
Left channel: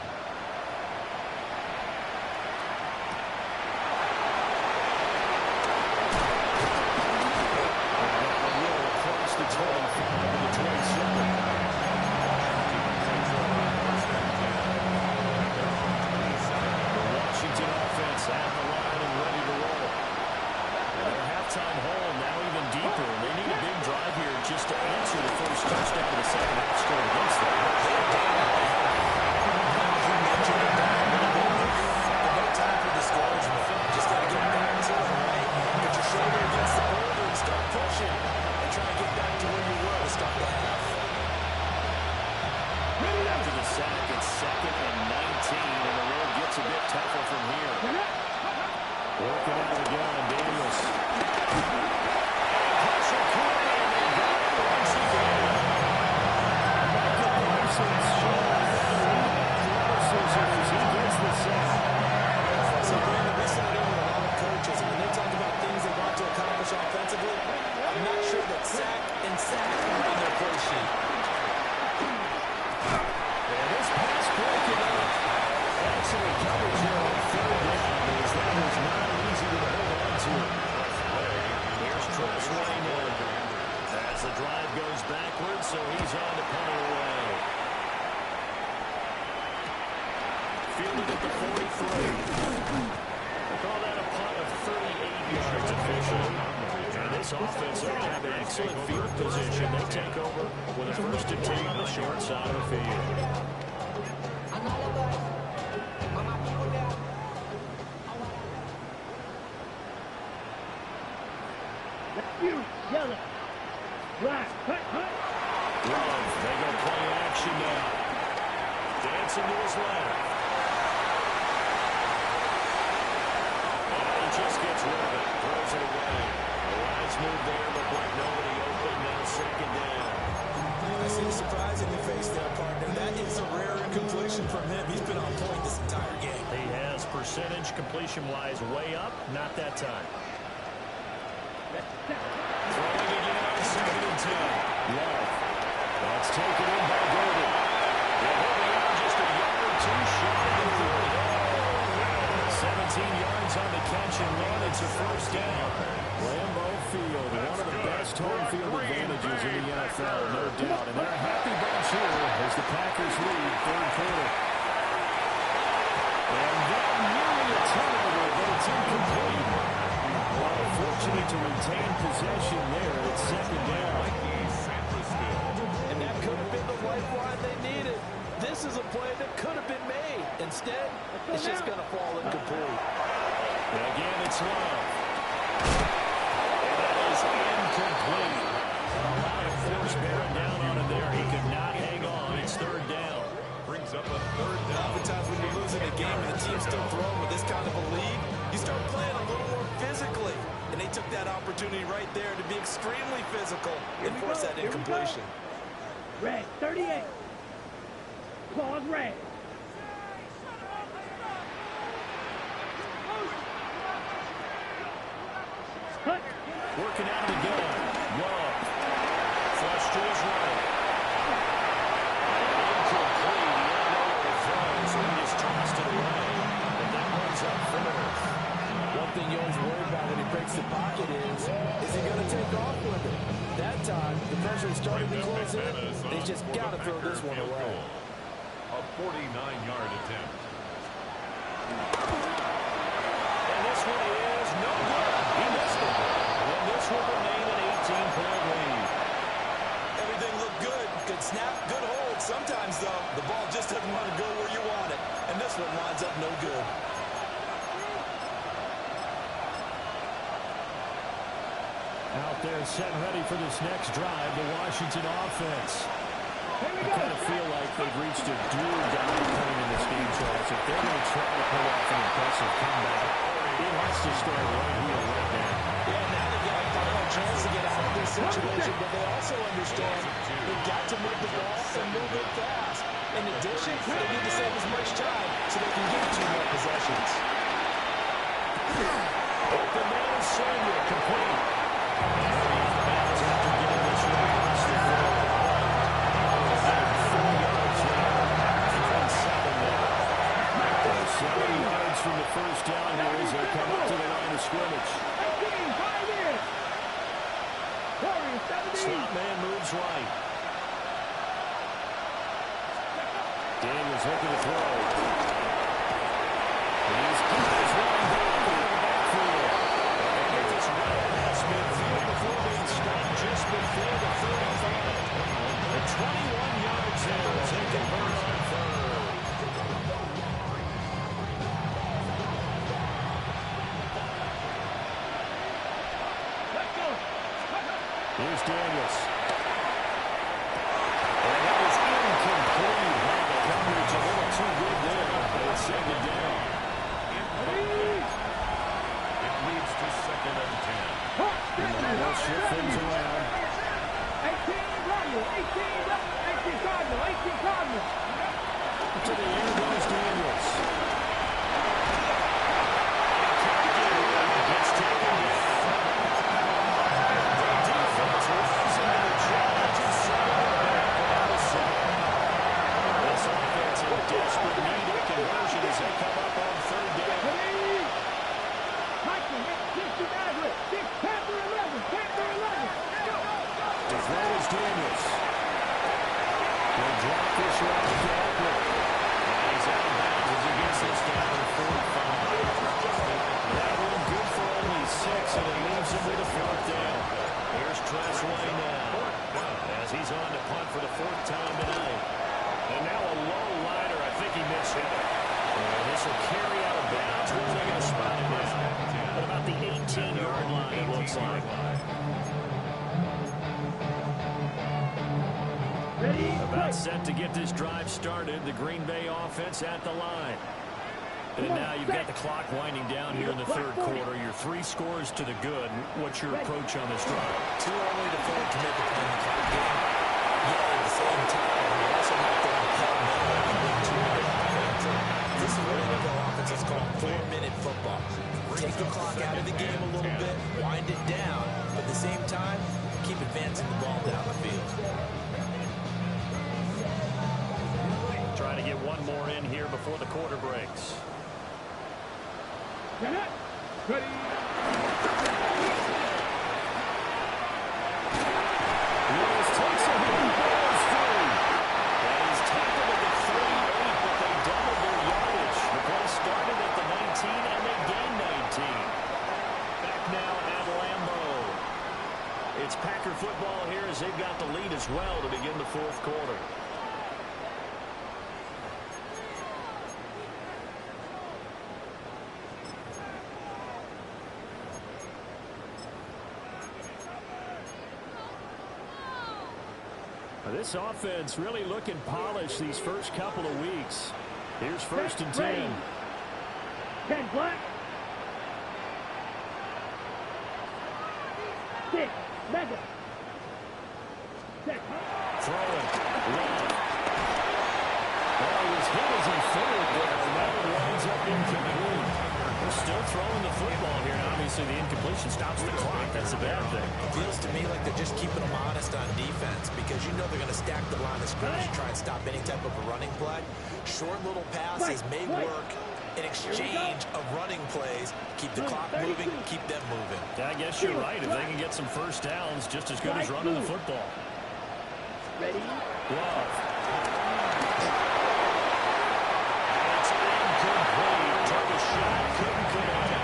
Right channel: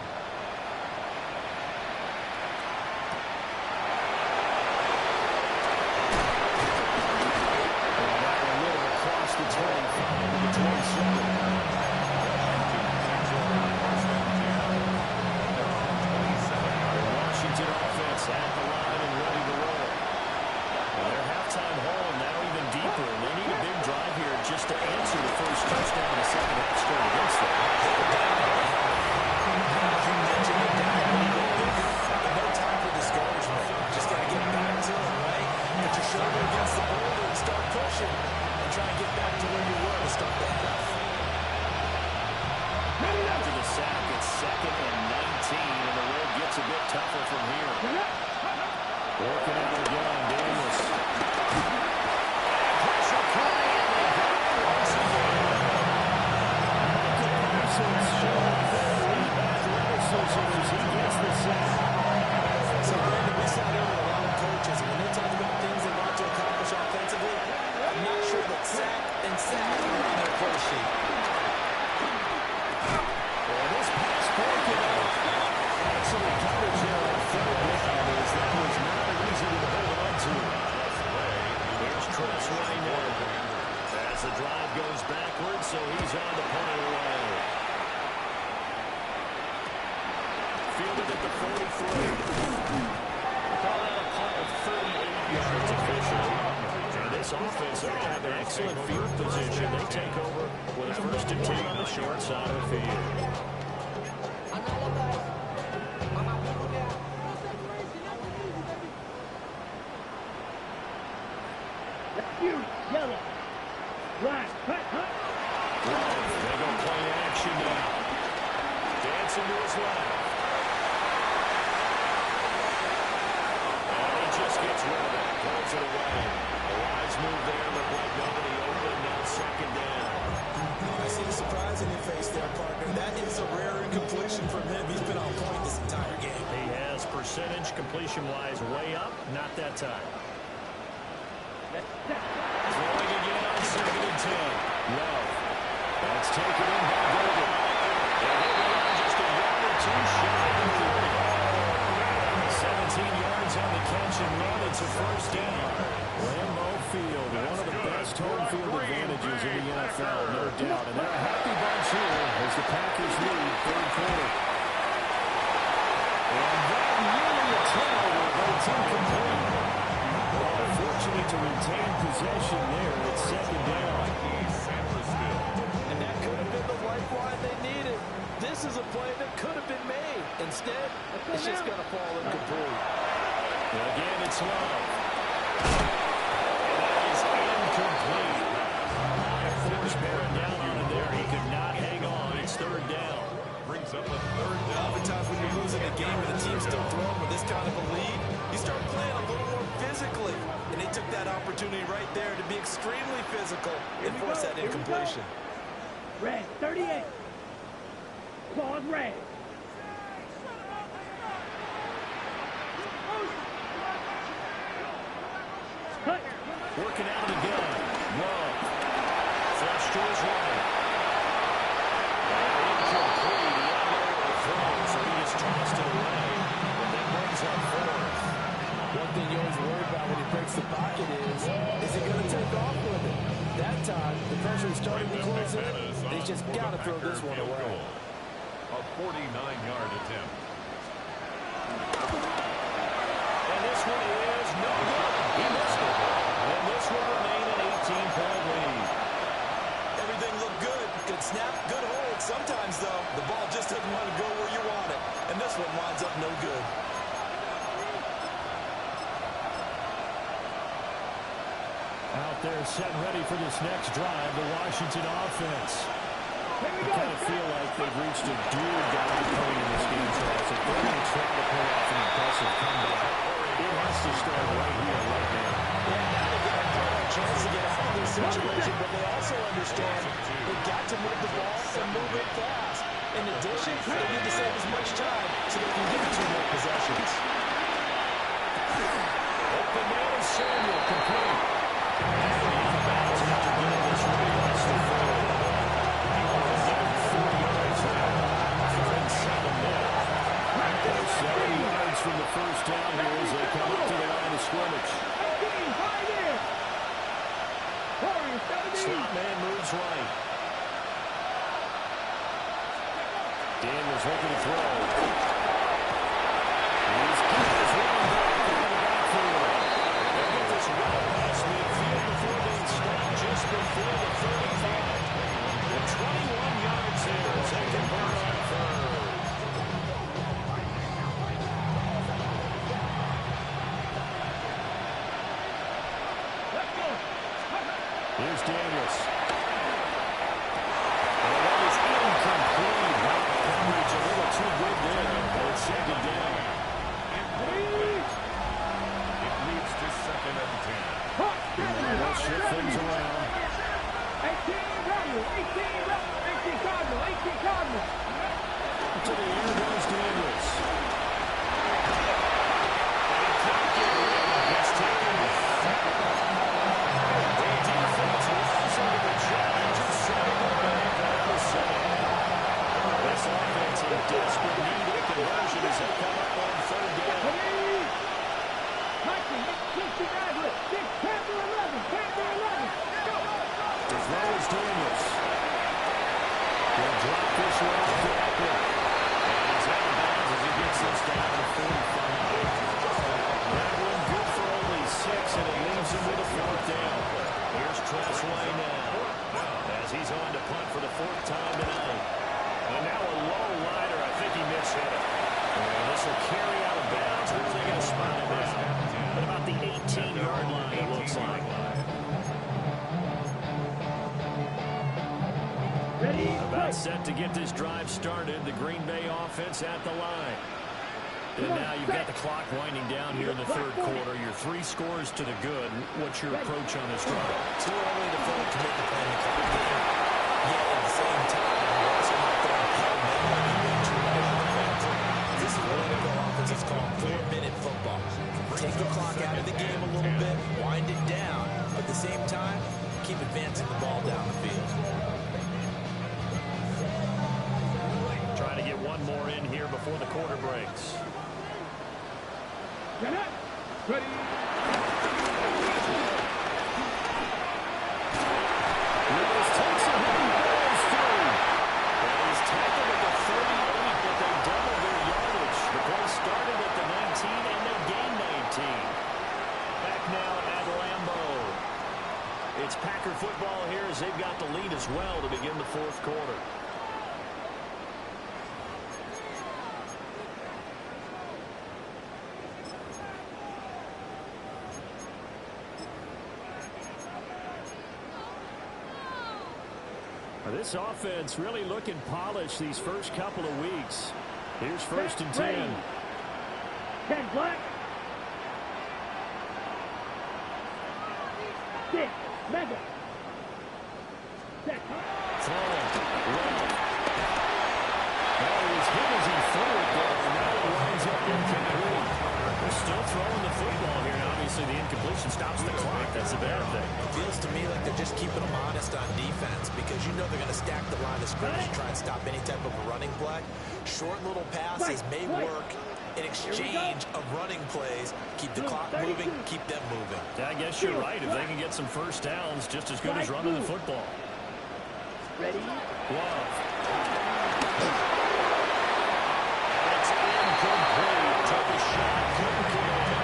And out a little across the 25 to the 27. Takes over first and 10 at their own 27. The Washington offense at the line and ready to roll. And their halftime hole now even deeper. And they need a big drive here just to answer the first touchdown of the second half scored against them. They're down at the half. Now, as you mentioned, they're down a little bit bigger, but no time for discouragement. Just got to get back to it, right? Put your shoulder against the boulder and start pushing and try and get back to where you were to start the half. After the sack, it's second and 19, and the road gets a bit tougher from here. Working out again, Daniels. And pressure coming, and they got him once again. Michael Parsons showing that elite athleticism as he gets the sack. So, Brandon, we sat in with a lot of coaches, and when they talk about things they want to accomplish offensively, I'm not sure that sack and sack are on their play sheet. And this pass broken up. Excellent coverage there on third down as that was not easy to hold on to. Here's Tressway now. As the drive goes backwards, so he's on to punt it away. Fielded at the 43. We'll call that a punt of 38 yards officially. And this offense, they're going to have an excellent field position. They take over with a first and 10 on the short side of the field. Yellow. Black. Hut, hut. Love, they go play action now. Dancing to his left. And he just gets rid of it. Throws it away. A wise move there. Looked like nobody open. Now second down. I see the surprise in your face there, partner. That is a rare incompletion from him. He's been on point this entire game. He has percentage completion-wise way up. Not that time. Throwing again on second and 10. Love. That's taken in by Golden. And he'll be out just a yard or two shy of the 30. 17 yards on the catch and run. It's a first down. Lambeau Field, one of the best home field advantages in the NFL, no doubt. And they're a happy bunch here as the Packers lead third quarter. And that nearly a turnover, but it's incomplete. Well, fortunate to retain possession there at second down. And that could have been the lifeline they needed. This is a play that could have been made. Instead, it's just going to fall incomplete. And again, it's Love. And that is incomplete. A lot of force bearing down on him there. He could not hang on. It's third down. Brings up a third down. Oftentimes when you're losing a game and the team's still throwing with this kind of a lead, you start playing a little more physically. And they took that opportunity right there to be extremely physical and force that incompletion. Red, 38. Claws red. Hut. Working out of the gun. Love. Flush to his right. And incomplete. He had nowhere to throw, so he just tossed it away. But that brings up fourth. One thing you always worry about when he breaks the pocket is he going to take off with it? That time, the pressure is starting to close in. He's just got to throw this one away. A 49-yard attempt. And this one is no good. He missed it. And this will remain an 18-point lead. Everything looked good. Good snap, good hold. Sometimes, though, the ball just doesn't want to go where you want it. And this one winds up no good. Out there set and ready for this next drive, the Washington offense. I kind of feel like they've reached a do-or-die point in this game, Charles. If they're going to try to pull off an impressive comeback, it has to start right here, right now. Yeah, now they've got a final chance to get out of this situation, but they also understand they've got to move the ball and move it fast. In addition, they need to save as much time so they can get 2 more possessions. Open man is Samuel, complete. And he's out of bounds after getting this across the field. 4 yards there. 7 now. 7 yards from the first down here as they come up to the line of scrimmage. Slot man moves right. Daniels looking to throw. He's got his running back out of the backfield. And they get this right past midfield before being stopped just before the 35. The 21 yards there as they convert on 3rd. Here's Daniels. And that is incomplete. Now the coverage a little too good there. And it's 2nd down. Incomplete. It leads to 2nd and 10. They'll shift things around. 18 Cardinal. To the air goes Daniels. And he can't get rid of it. Gets taken down. The defense rising to the challenge and setting it back on the 7. This offense in desperate need of conversion as they come up on 3rd down. To throw is Daniels. He'll drop this one off to Eckler. And he's out of bounds as he gets this down to 45. That one good for only 6, and it leaves him with a 4th down. Here's Tressway now as he's on to punt for the 4th time tonight. And now a low liner. I think he mishit it. And this will carry out of bounds. Where are they going to spot it now? At about the 18-yard line, it looks like. About set to get this drive started. The Green Bay offense at the line. And now you've got the clock winding down here in the 3rd quarter. Your 3 scores to the good. What's your approach on this drive? Too early to fully commit to playing the clock game. Yet at the same time, you're also not going to pell mell like you would 2-minute offense. This is what NFL offense is called 4-minute football. Take the clock out of the game a little bit, wind it down, but at the same time, keep advancing the ball down the field. Trying to get one more in here before the quarter breaks. Ready. Willis takes a hit and falls through. And he's tackled at the 38, but they doubled their yardage. The play started at the 19, and they gained 19. Back now at Lambeau. It's Packer football here as they've got the lead as well to begin the 4th quarter. This offense really looking polished these first couple of weeks. Here's 1st and 10. 10 black. 6 mega. Set. Throwing. Love. Oh, he was hit as he threw it there, and now it winds up incomplete. They're still throwing the football here, and obviously the incompletion stops the clock. That's a bad thing. It feels to me like they're just keeping them honest on defense because you know they're going to stack the line of scrimmage and try and stop any type of a running play. Short little passes may work, in exchange of running plays. Keep the clock moving, keep them moving. Yeah, I guess you're right. If they can get some first downs, just as good as running the football. Ready? Love. And it's incomplete. Took a shot, couldn't connect.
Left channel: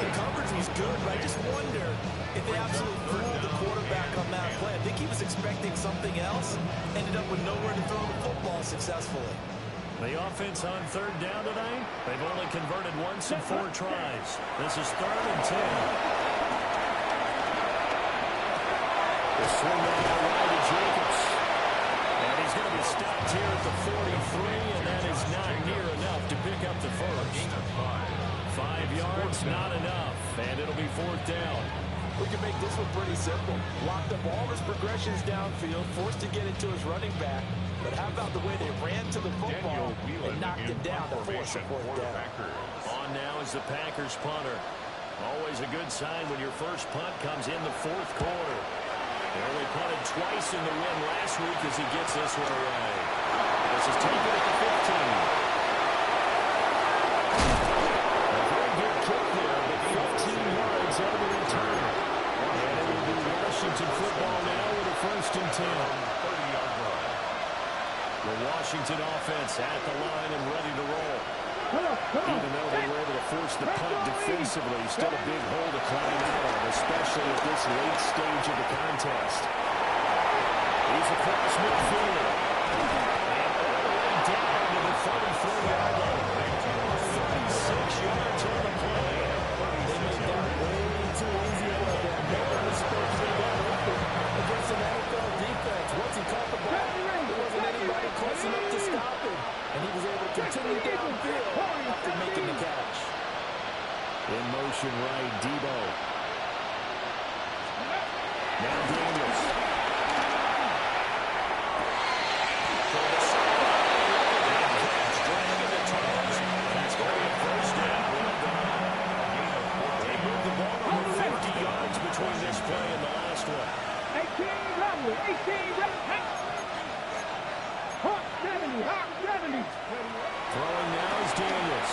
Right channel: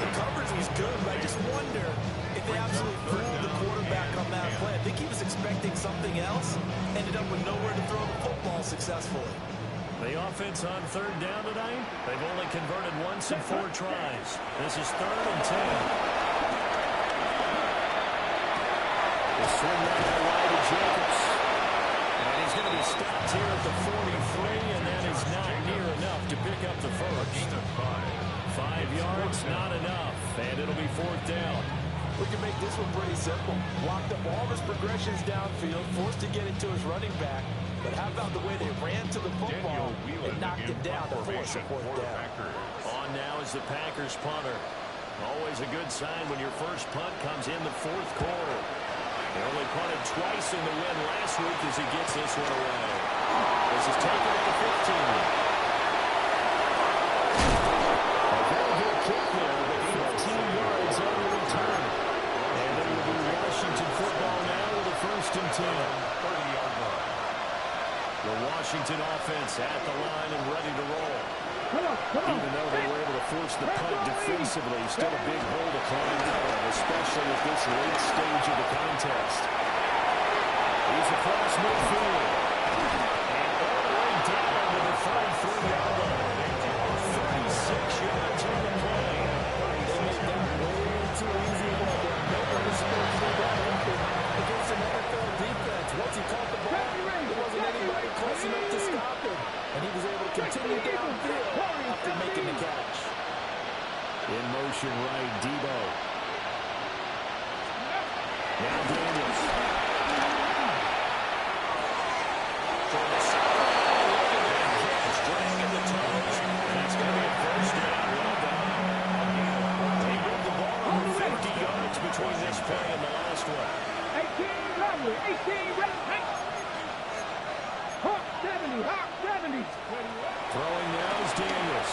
The coverage was good, but I just wonder if they absolutely fooled the quarterback on that play. I think he was expecting something else. Ended up with nowhere to throw the football successfully. The offense on third down tonight, they've only converted once in 4 tries. This is 3rd and 10. The swing that out wide to Jacobs. And he's going to be stopped here at the 43, and that is not near enough to pick up the first. 5 yards, not enough, and it'll be 4th down. We can make this one pretty simple. Locked up all his progressions downfield, forced to get it to his running back. But how about the way they ran to the football and knocked him down to force a 4th down? On now is the Packers punter. Always a good sign when your first punt comes in the 4th quarter. They only punted twice in the win last week as he gets this one away. This is taken at the 15. A very good kick there, but 15 yards on the return. And it will be Washington football now with a 1st and 10. 30-yard line. The Washington offense at the line and ready to roll. Even though they were able to force the punt defensively, still a big hole to climb out of, especially at this late stage of the contest. He's across midfield. And all the way down to the 33-yard line. 36 yards on the play. They made that way too easy for them. No one was supposed to be that open against an NFL defense. Once he caught the ball, there wasn't anybody close enough to stop him. And he was able to continue downfield after making the catch. In motion right, Debo. Now Daniels. For the sideline, look at that catch, dragging the toes. That's going to be a 1st down. Well done. They moved the ball over 50 yards between this play and the last one. 18 Romley, 18 Romley. Hawk 70, Hawk 70. Throwing now is Daniels.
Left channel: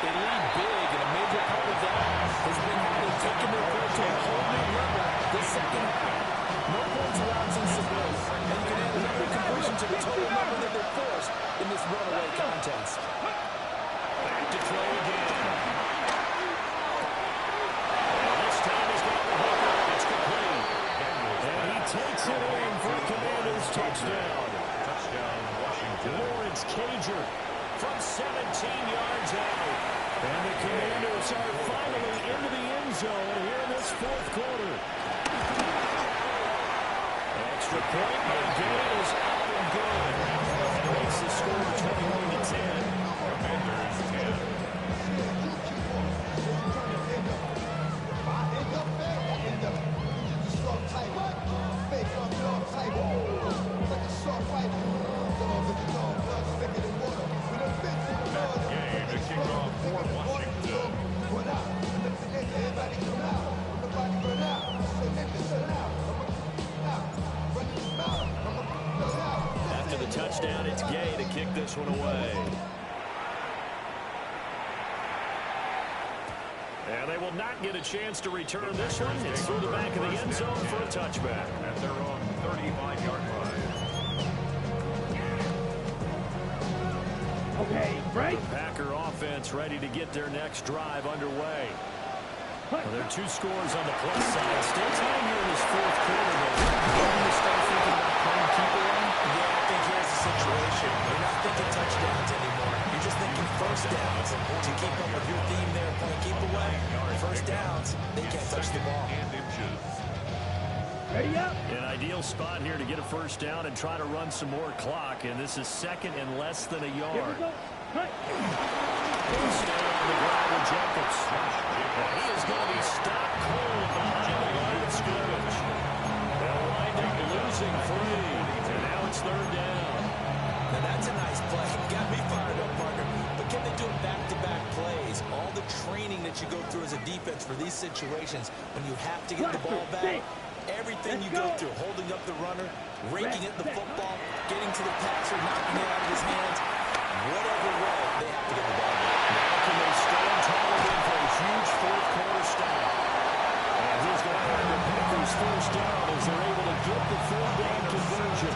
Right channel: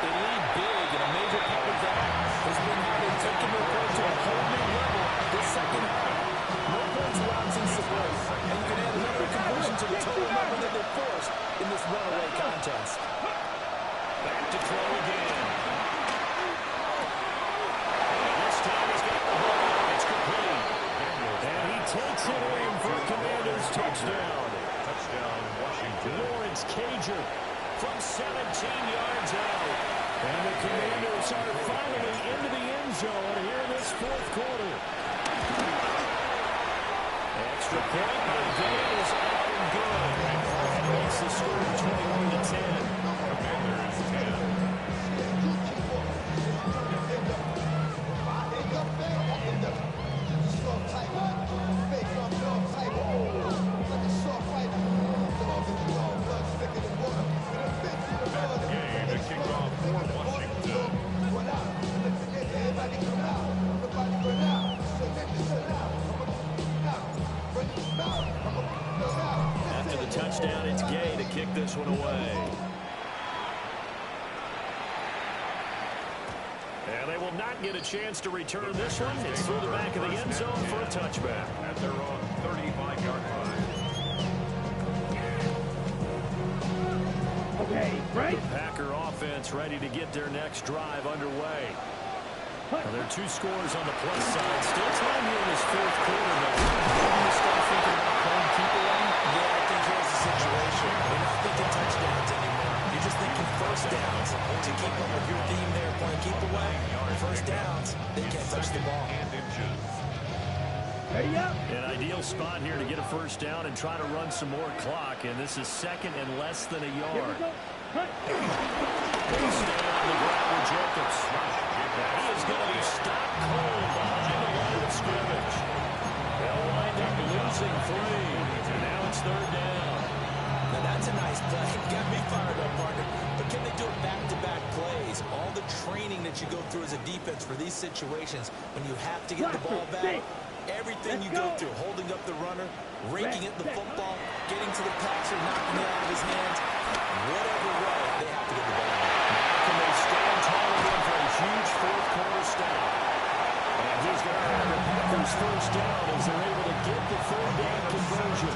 They lead big, and a major part of that has been how they've taken their play to a whole new level this second half. No points allowed since the break, and you can add another completion to the total number that they forced in this runaway contest. Back to throw again. And this time he's got the hook up. It's complete. And he takes it in for a Commanders touchdown. Touchdown, Washington. Lawrence Cager from 17 yards out. And the Commanders are finally into the end zone here in this 4th quarter. Extra point by Gay is up and good. And it makes the score 21-10. Commanders 10. Game to kick off for Washington. After the touchdown, it's Gay to kick this one away. And they will not get a chance to return this one. It's through the back of the end zone for a touchback. At their own 35-yard line. Okay, break. The Packer offense ready to get their next drive underway. Well, there are 2 scores on the plus side. Still time here in this 4th quarter, though. Maybe you start thinking about playing keep away? Yeah, I think here's the situation. You're not thinking touchdowns anymore. You're just thinking first downs. To keep up with your theme there, playing keep away. First downs, they can't touch the ball. And inches. Ready up. An ideal spot here to get a first down and try to run some more clock. And this is 2nd and less than a Here we yard. go. Hunt. They stay on the ground with Jacobs. He is going to be stopped cold behind the line of scrimmage. They'll wind up losing 3. And now it's 3rd down. Now that's a nice play. Got me fired up, partner. But can they do it back-to-back plays? All the training that you go through as a defense for these situations, when you have to get the ball back, everything you go through, holding up the runner, raking at the football, getting to the passer, knocking it out of his hands, whatever way, they have to get the ball back. Now can they stand tall again for a huge fourth-quarter stop? And he's going to have the Packers first down as they're able to get the third down conversion.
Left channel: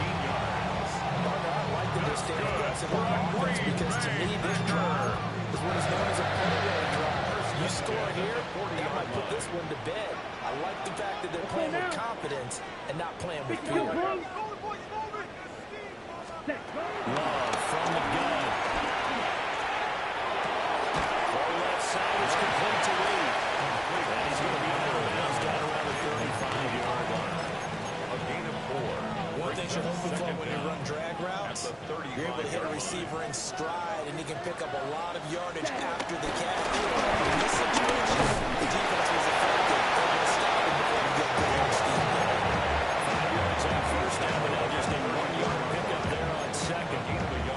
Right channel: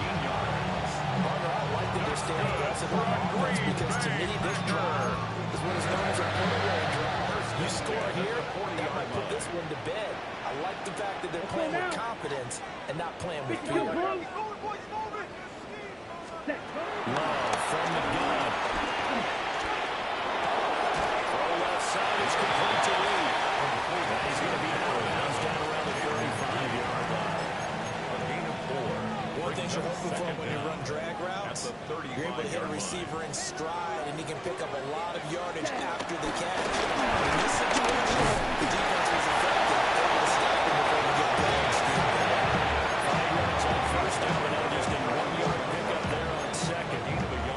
Partner, I like that they're staying aggressive on offense because to me, this drive is what is known as a put-away drive. You score here, that might put this one to bed. I like the fact that they're playing with confidence and not playing with fear. Love from the gun. Throw left side is complete to Reed. And he's going to be out of bounds down around the 35-yard line. A gain of 4. One thing you're hoping for when you run drag routes, you're able to hit a receiver in stride, and he can pick up a lot of yardage after the catch. In this situation, the defense was effective, able to stop him before he got good air steam going. 5 yards on first down, but now just a 1-yard pickup there on second.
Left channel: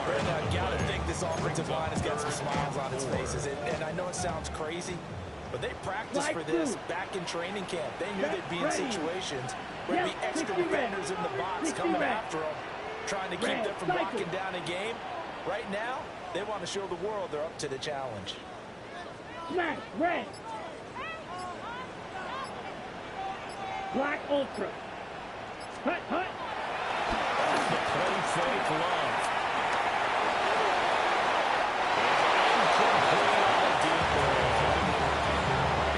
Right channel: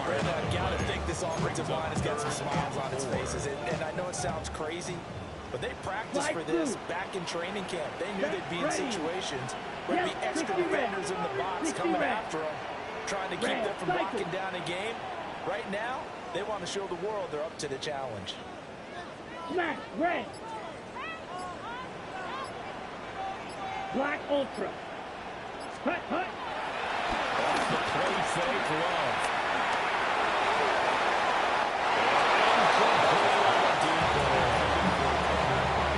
Brandon, I've got to think this offensive line has got some smiles on its faces, and I know it sounds crazy, but they practiced for this back in training camp. They knew they'd be in situations where there'd be extra defenders in the box coming after them, trying to keep them from locking down a game. Right now, they want to show the world they're up to the challenge. Smash, red. Black Ultra. Hut, hut. Off the play fake, Love. Incomplete on the deep ball.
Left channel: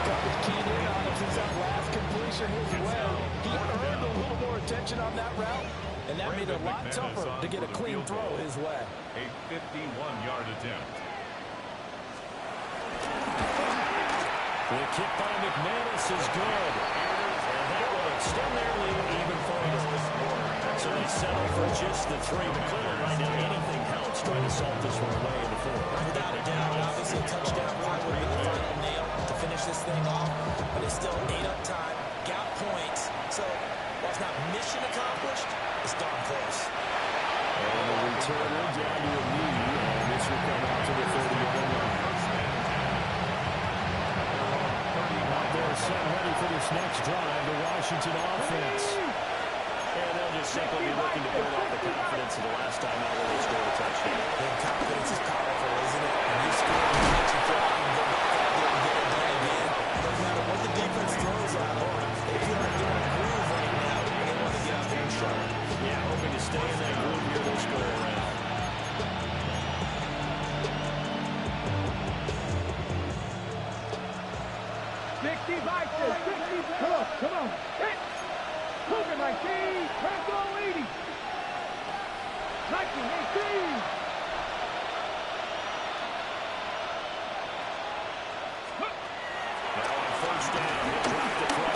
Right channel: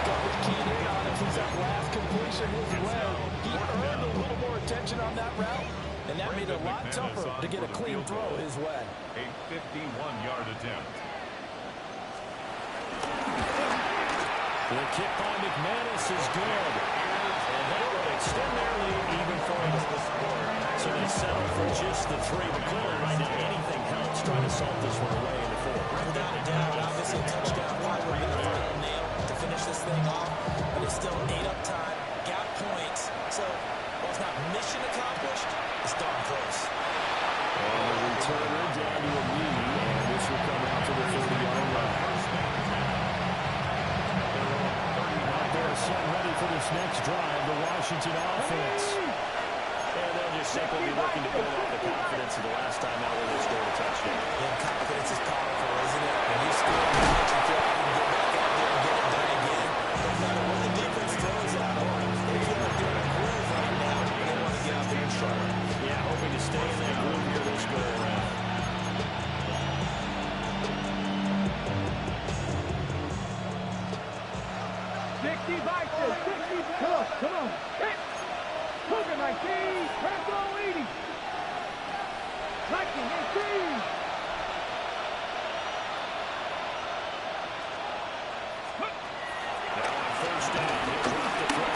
Coverage keyed in on him since that last completion his way. He earned a little more attention on that route, and that made it a lot tougher to get a clean throw his way. A 51-yard attempt. The kick by McManus is good. And that will extend their lead even further. So they settle for just the 3. But clearly right now anything helps trying to salt this one away in the 4th. Without a doubt, obviously a touchdown probably would be the final nail to finish this thing off. But it's still ate up time, got points. So while it's not mission accomplished, it's darn close. And the returner down to a knee, and this will come out to the 30-yard line. They're set ready for this next drive, the Washington offense. And they'll just simply be looking to build off the confidence of the last time out where they scored a touchdown. And confidence is powerful, isn't it? When you score, you feel like you can go back out there and get it done again. No matter what the defense throws at them, they feel like they're in a groove right now, and they want to get out there and show it. Yeah, hoping to stay in that groove here this go around. Come on. Hit. Cougar 19. Transfer 80. 1918. Now on first down, he'll drop the throw.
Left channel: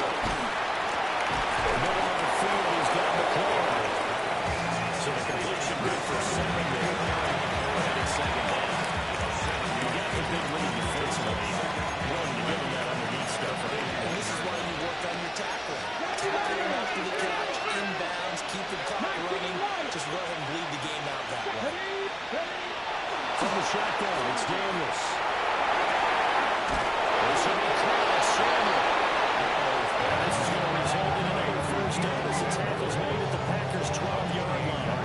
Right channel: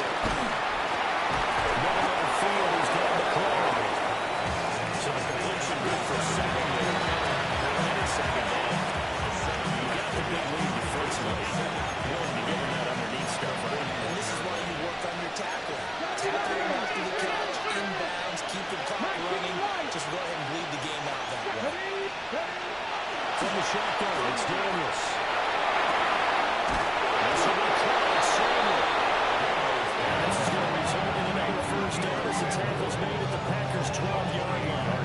Middle of the field, he's got McLaurin. So the completion good for second there. And it's second down. You got the big lead defensively. Willing to give him that underneath stuff, right? And this is why you work on your tackling. Tackle him after the catch, inbounds, keep the clock running. Just go ahead and bleed the game out that way. From the shotgun, it's Daniels. This will be caught, Samuel. And this is going to result in another first down as the tackle's made at the Packers' 12-yard line.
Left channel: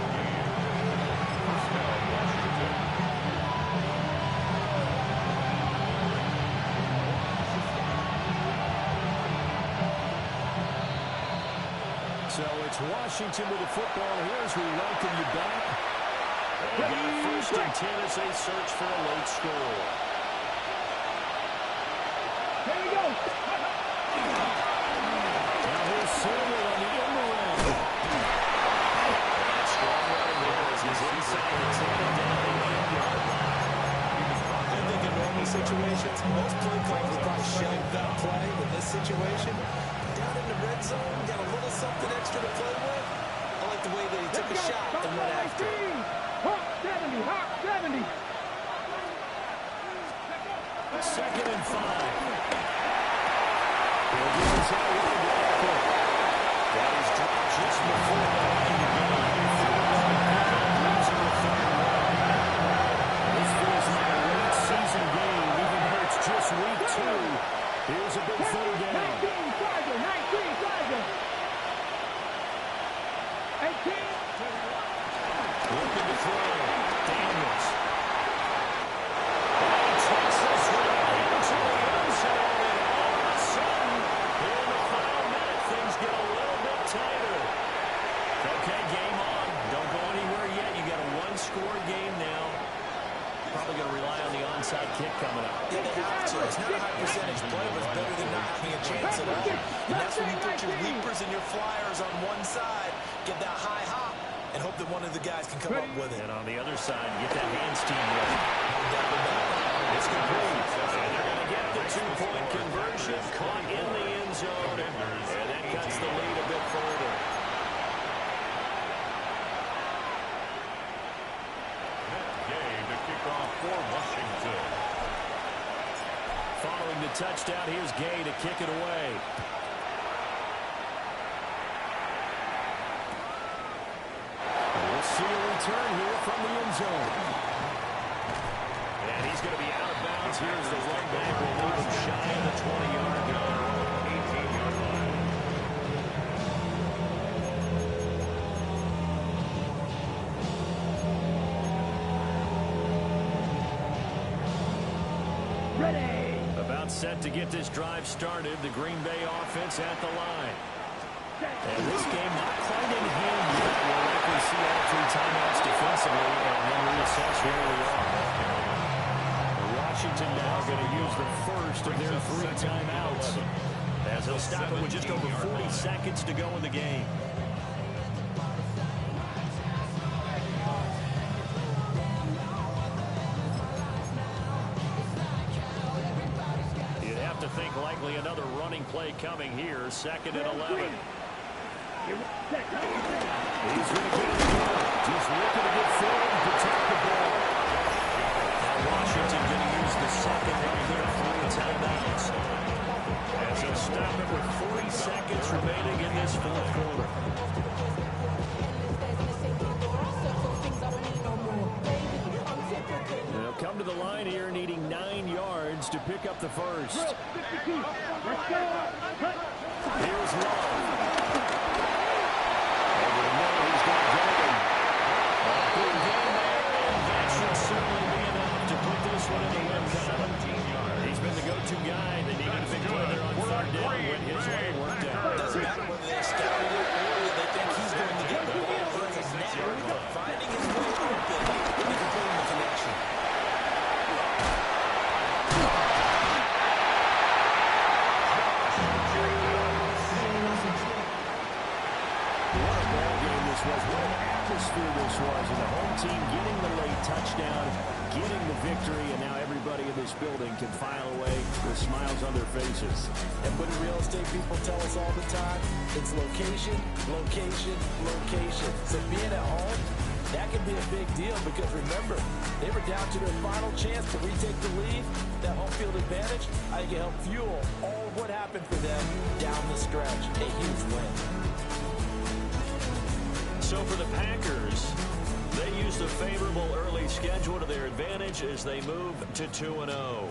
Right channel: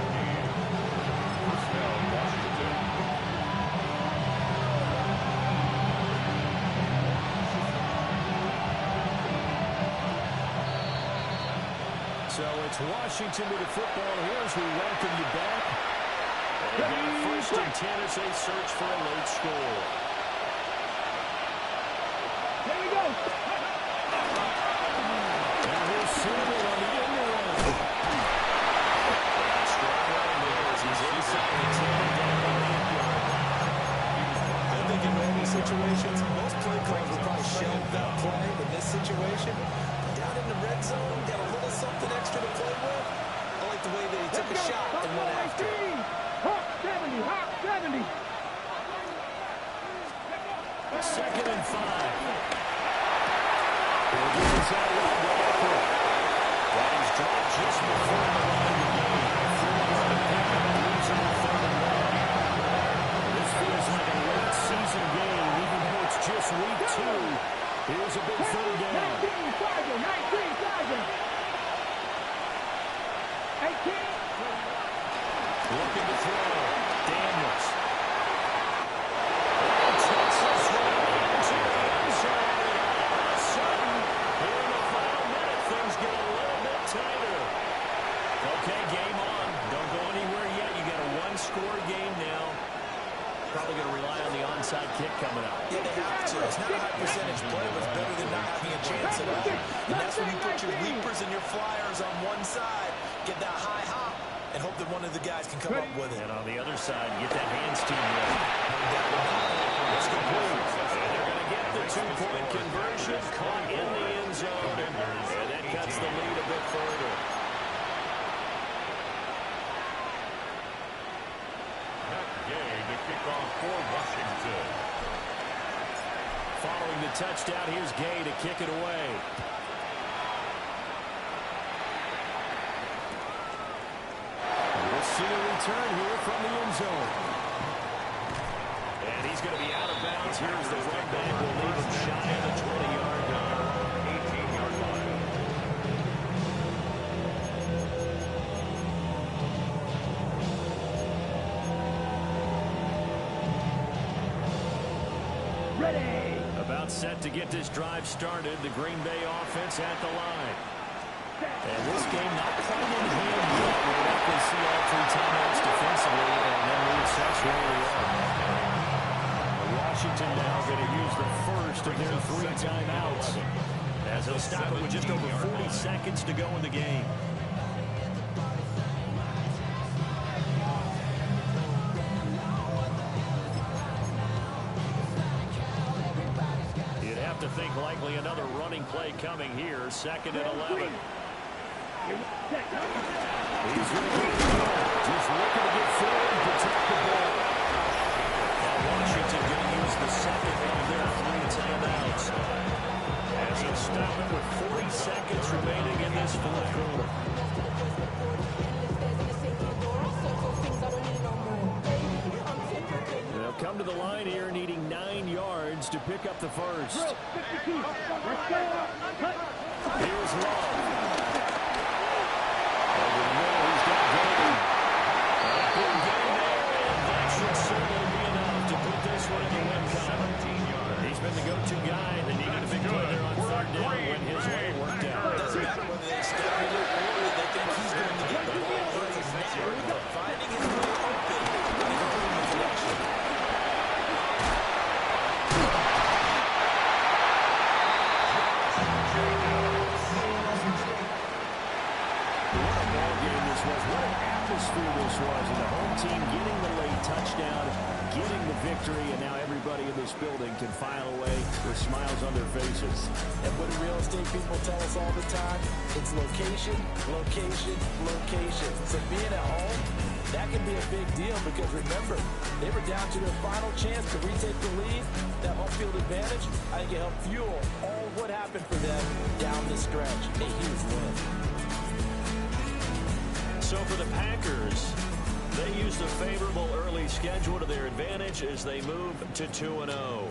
First down, Washington. So it's Washington with the football here as we welcome you back. They've got first and 10 as they search for a late score. Here we go. Now here's Samuel on the end around. And strong running there as he's inside the 10 and down the 8-yard line. I think in normal situations, most play calls would probably shelve that play. In this situation, down in the red zone, got a little something extra to play with. I like the way that he took a shot and went after it. Hawk 70, Hawk 70. Second and 5. He'll give us out wide to Eckler. That is dropped just before the line to gain. 4-yard pickup, leaves him with 3rd and 1. This feels like a late season game, even though it's just week 2. Here's a big third down. 19 Tiger, 19 Tiger. Looking to throw. Daniels. And takes this one into the end zone. And all of a sudden, here in the final minute, things get a little bit tighter. Okay, game on. Don't go anywhere yet. You got a one-score game now. Probably going to rely on the onside kick coming up. Yeah, they have to. It's not a high percentage play, but it's better than not having a chance at all. And that's when you put your leapers and your flyers on one side, get that high hop, and hope that one of the guys can come up with it. And on the other side, get that hands team ready. No doubt about it. It's complete. And they're going to get the two-point conversion caught in the end zone. And that cuts the lead a bit further. Gay to kick off for Washington. Following the touchdown, here's Gay to kick it away. We'll see a return here from the end zone. And he's going to be out of bounds. Here's the run back. We'll leave him shy of the 20-yard line. 18-yard line. Ready. About set to get this drive started. The Green Bay offense at the line. And this game not quite in hand yet. We'll likely see all three timeouts defensively and then reassess where we are. Washington now going to use the first of their three timeouts as they'll stop it with just over 40 seconds to go in the game. You'd have to think likely another running play coming here. 2nd and 11. He's going to get it again. Just looking to get forward and protect the ball. Now Washington going to use the second of their three timeouts as he'll stop it with 40 seconds remaining in this fourth quarter. They'll come to the line here needing 9 yards to pick up the first. Here's Love. Over the middle, he's got Golden. A big game there, and that should certainly be enough to put this one in the win column. He's been the go-to guy. They needed a big play there on 3rd down when his way worked out. Doesn't matter whether they scouted it or they think he's going to get the ball. He has a knack for finding his way open and completing the connection. What a ball game this was. What an atmosphere this was. And the home team getting the late touchdown, getting the victory, and now everybody in this building can file away with smiles on their faces. And what do real estate people tell us all the time? It's location, location, location. So being at home, that can be a big deal because remember, they were down to their final chance to retake the lead. That home field advantage, I think it helped fuel all of what happened for them down the stretch. A huge win. So for the Packers, they used a favorable early schedule to their advantage as they move to 2-0.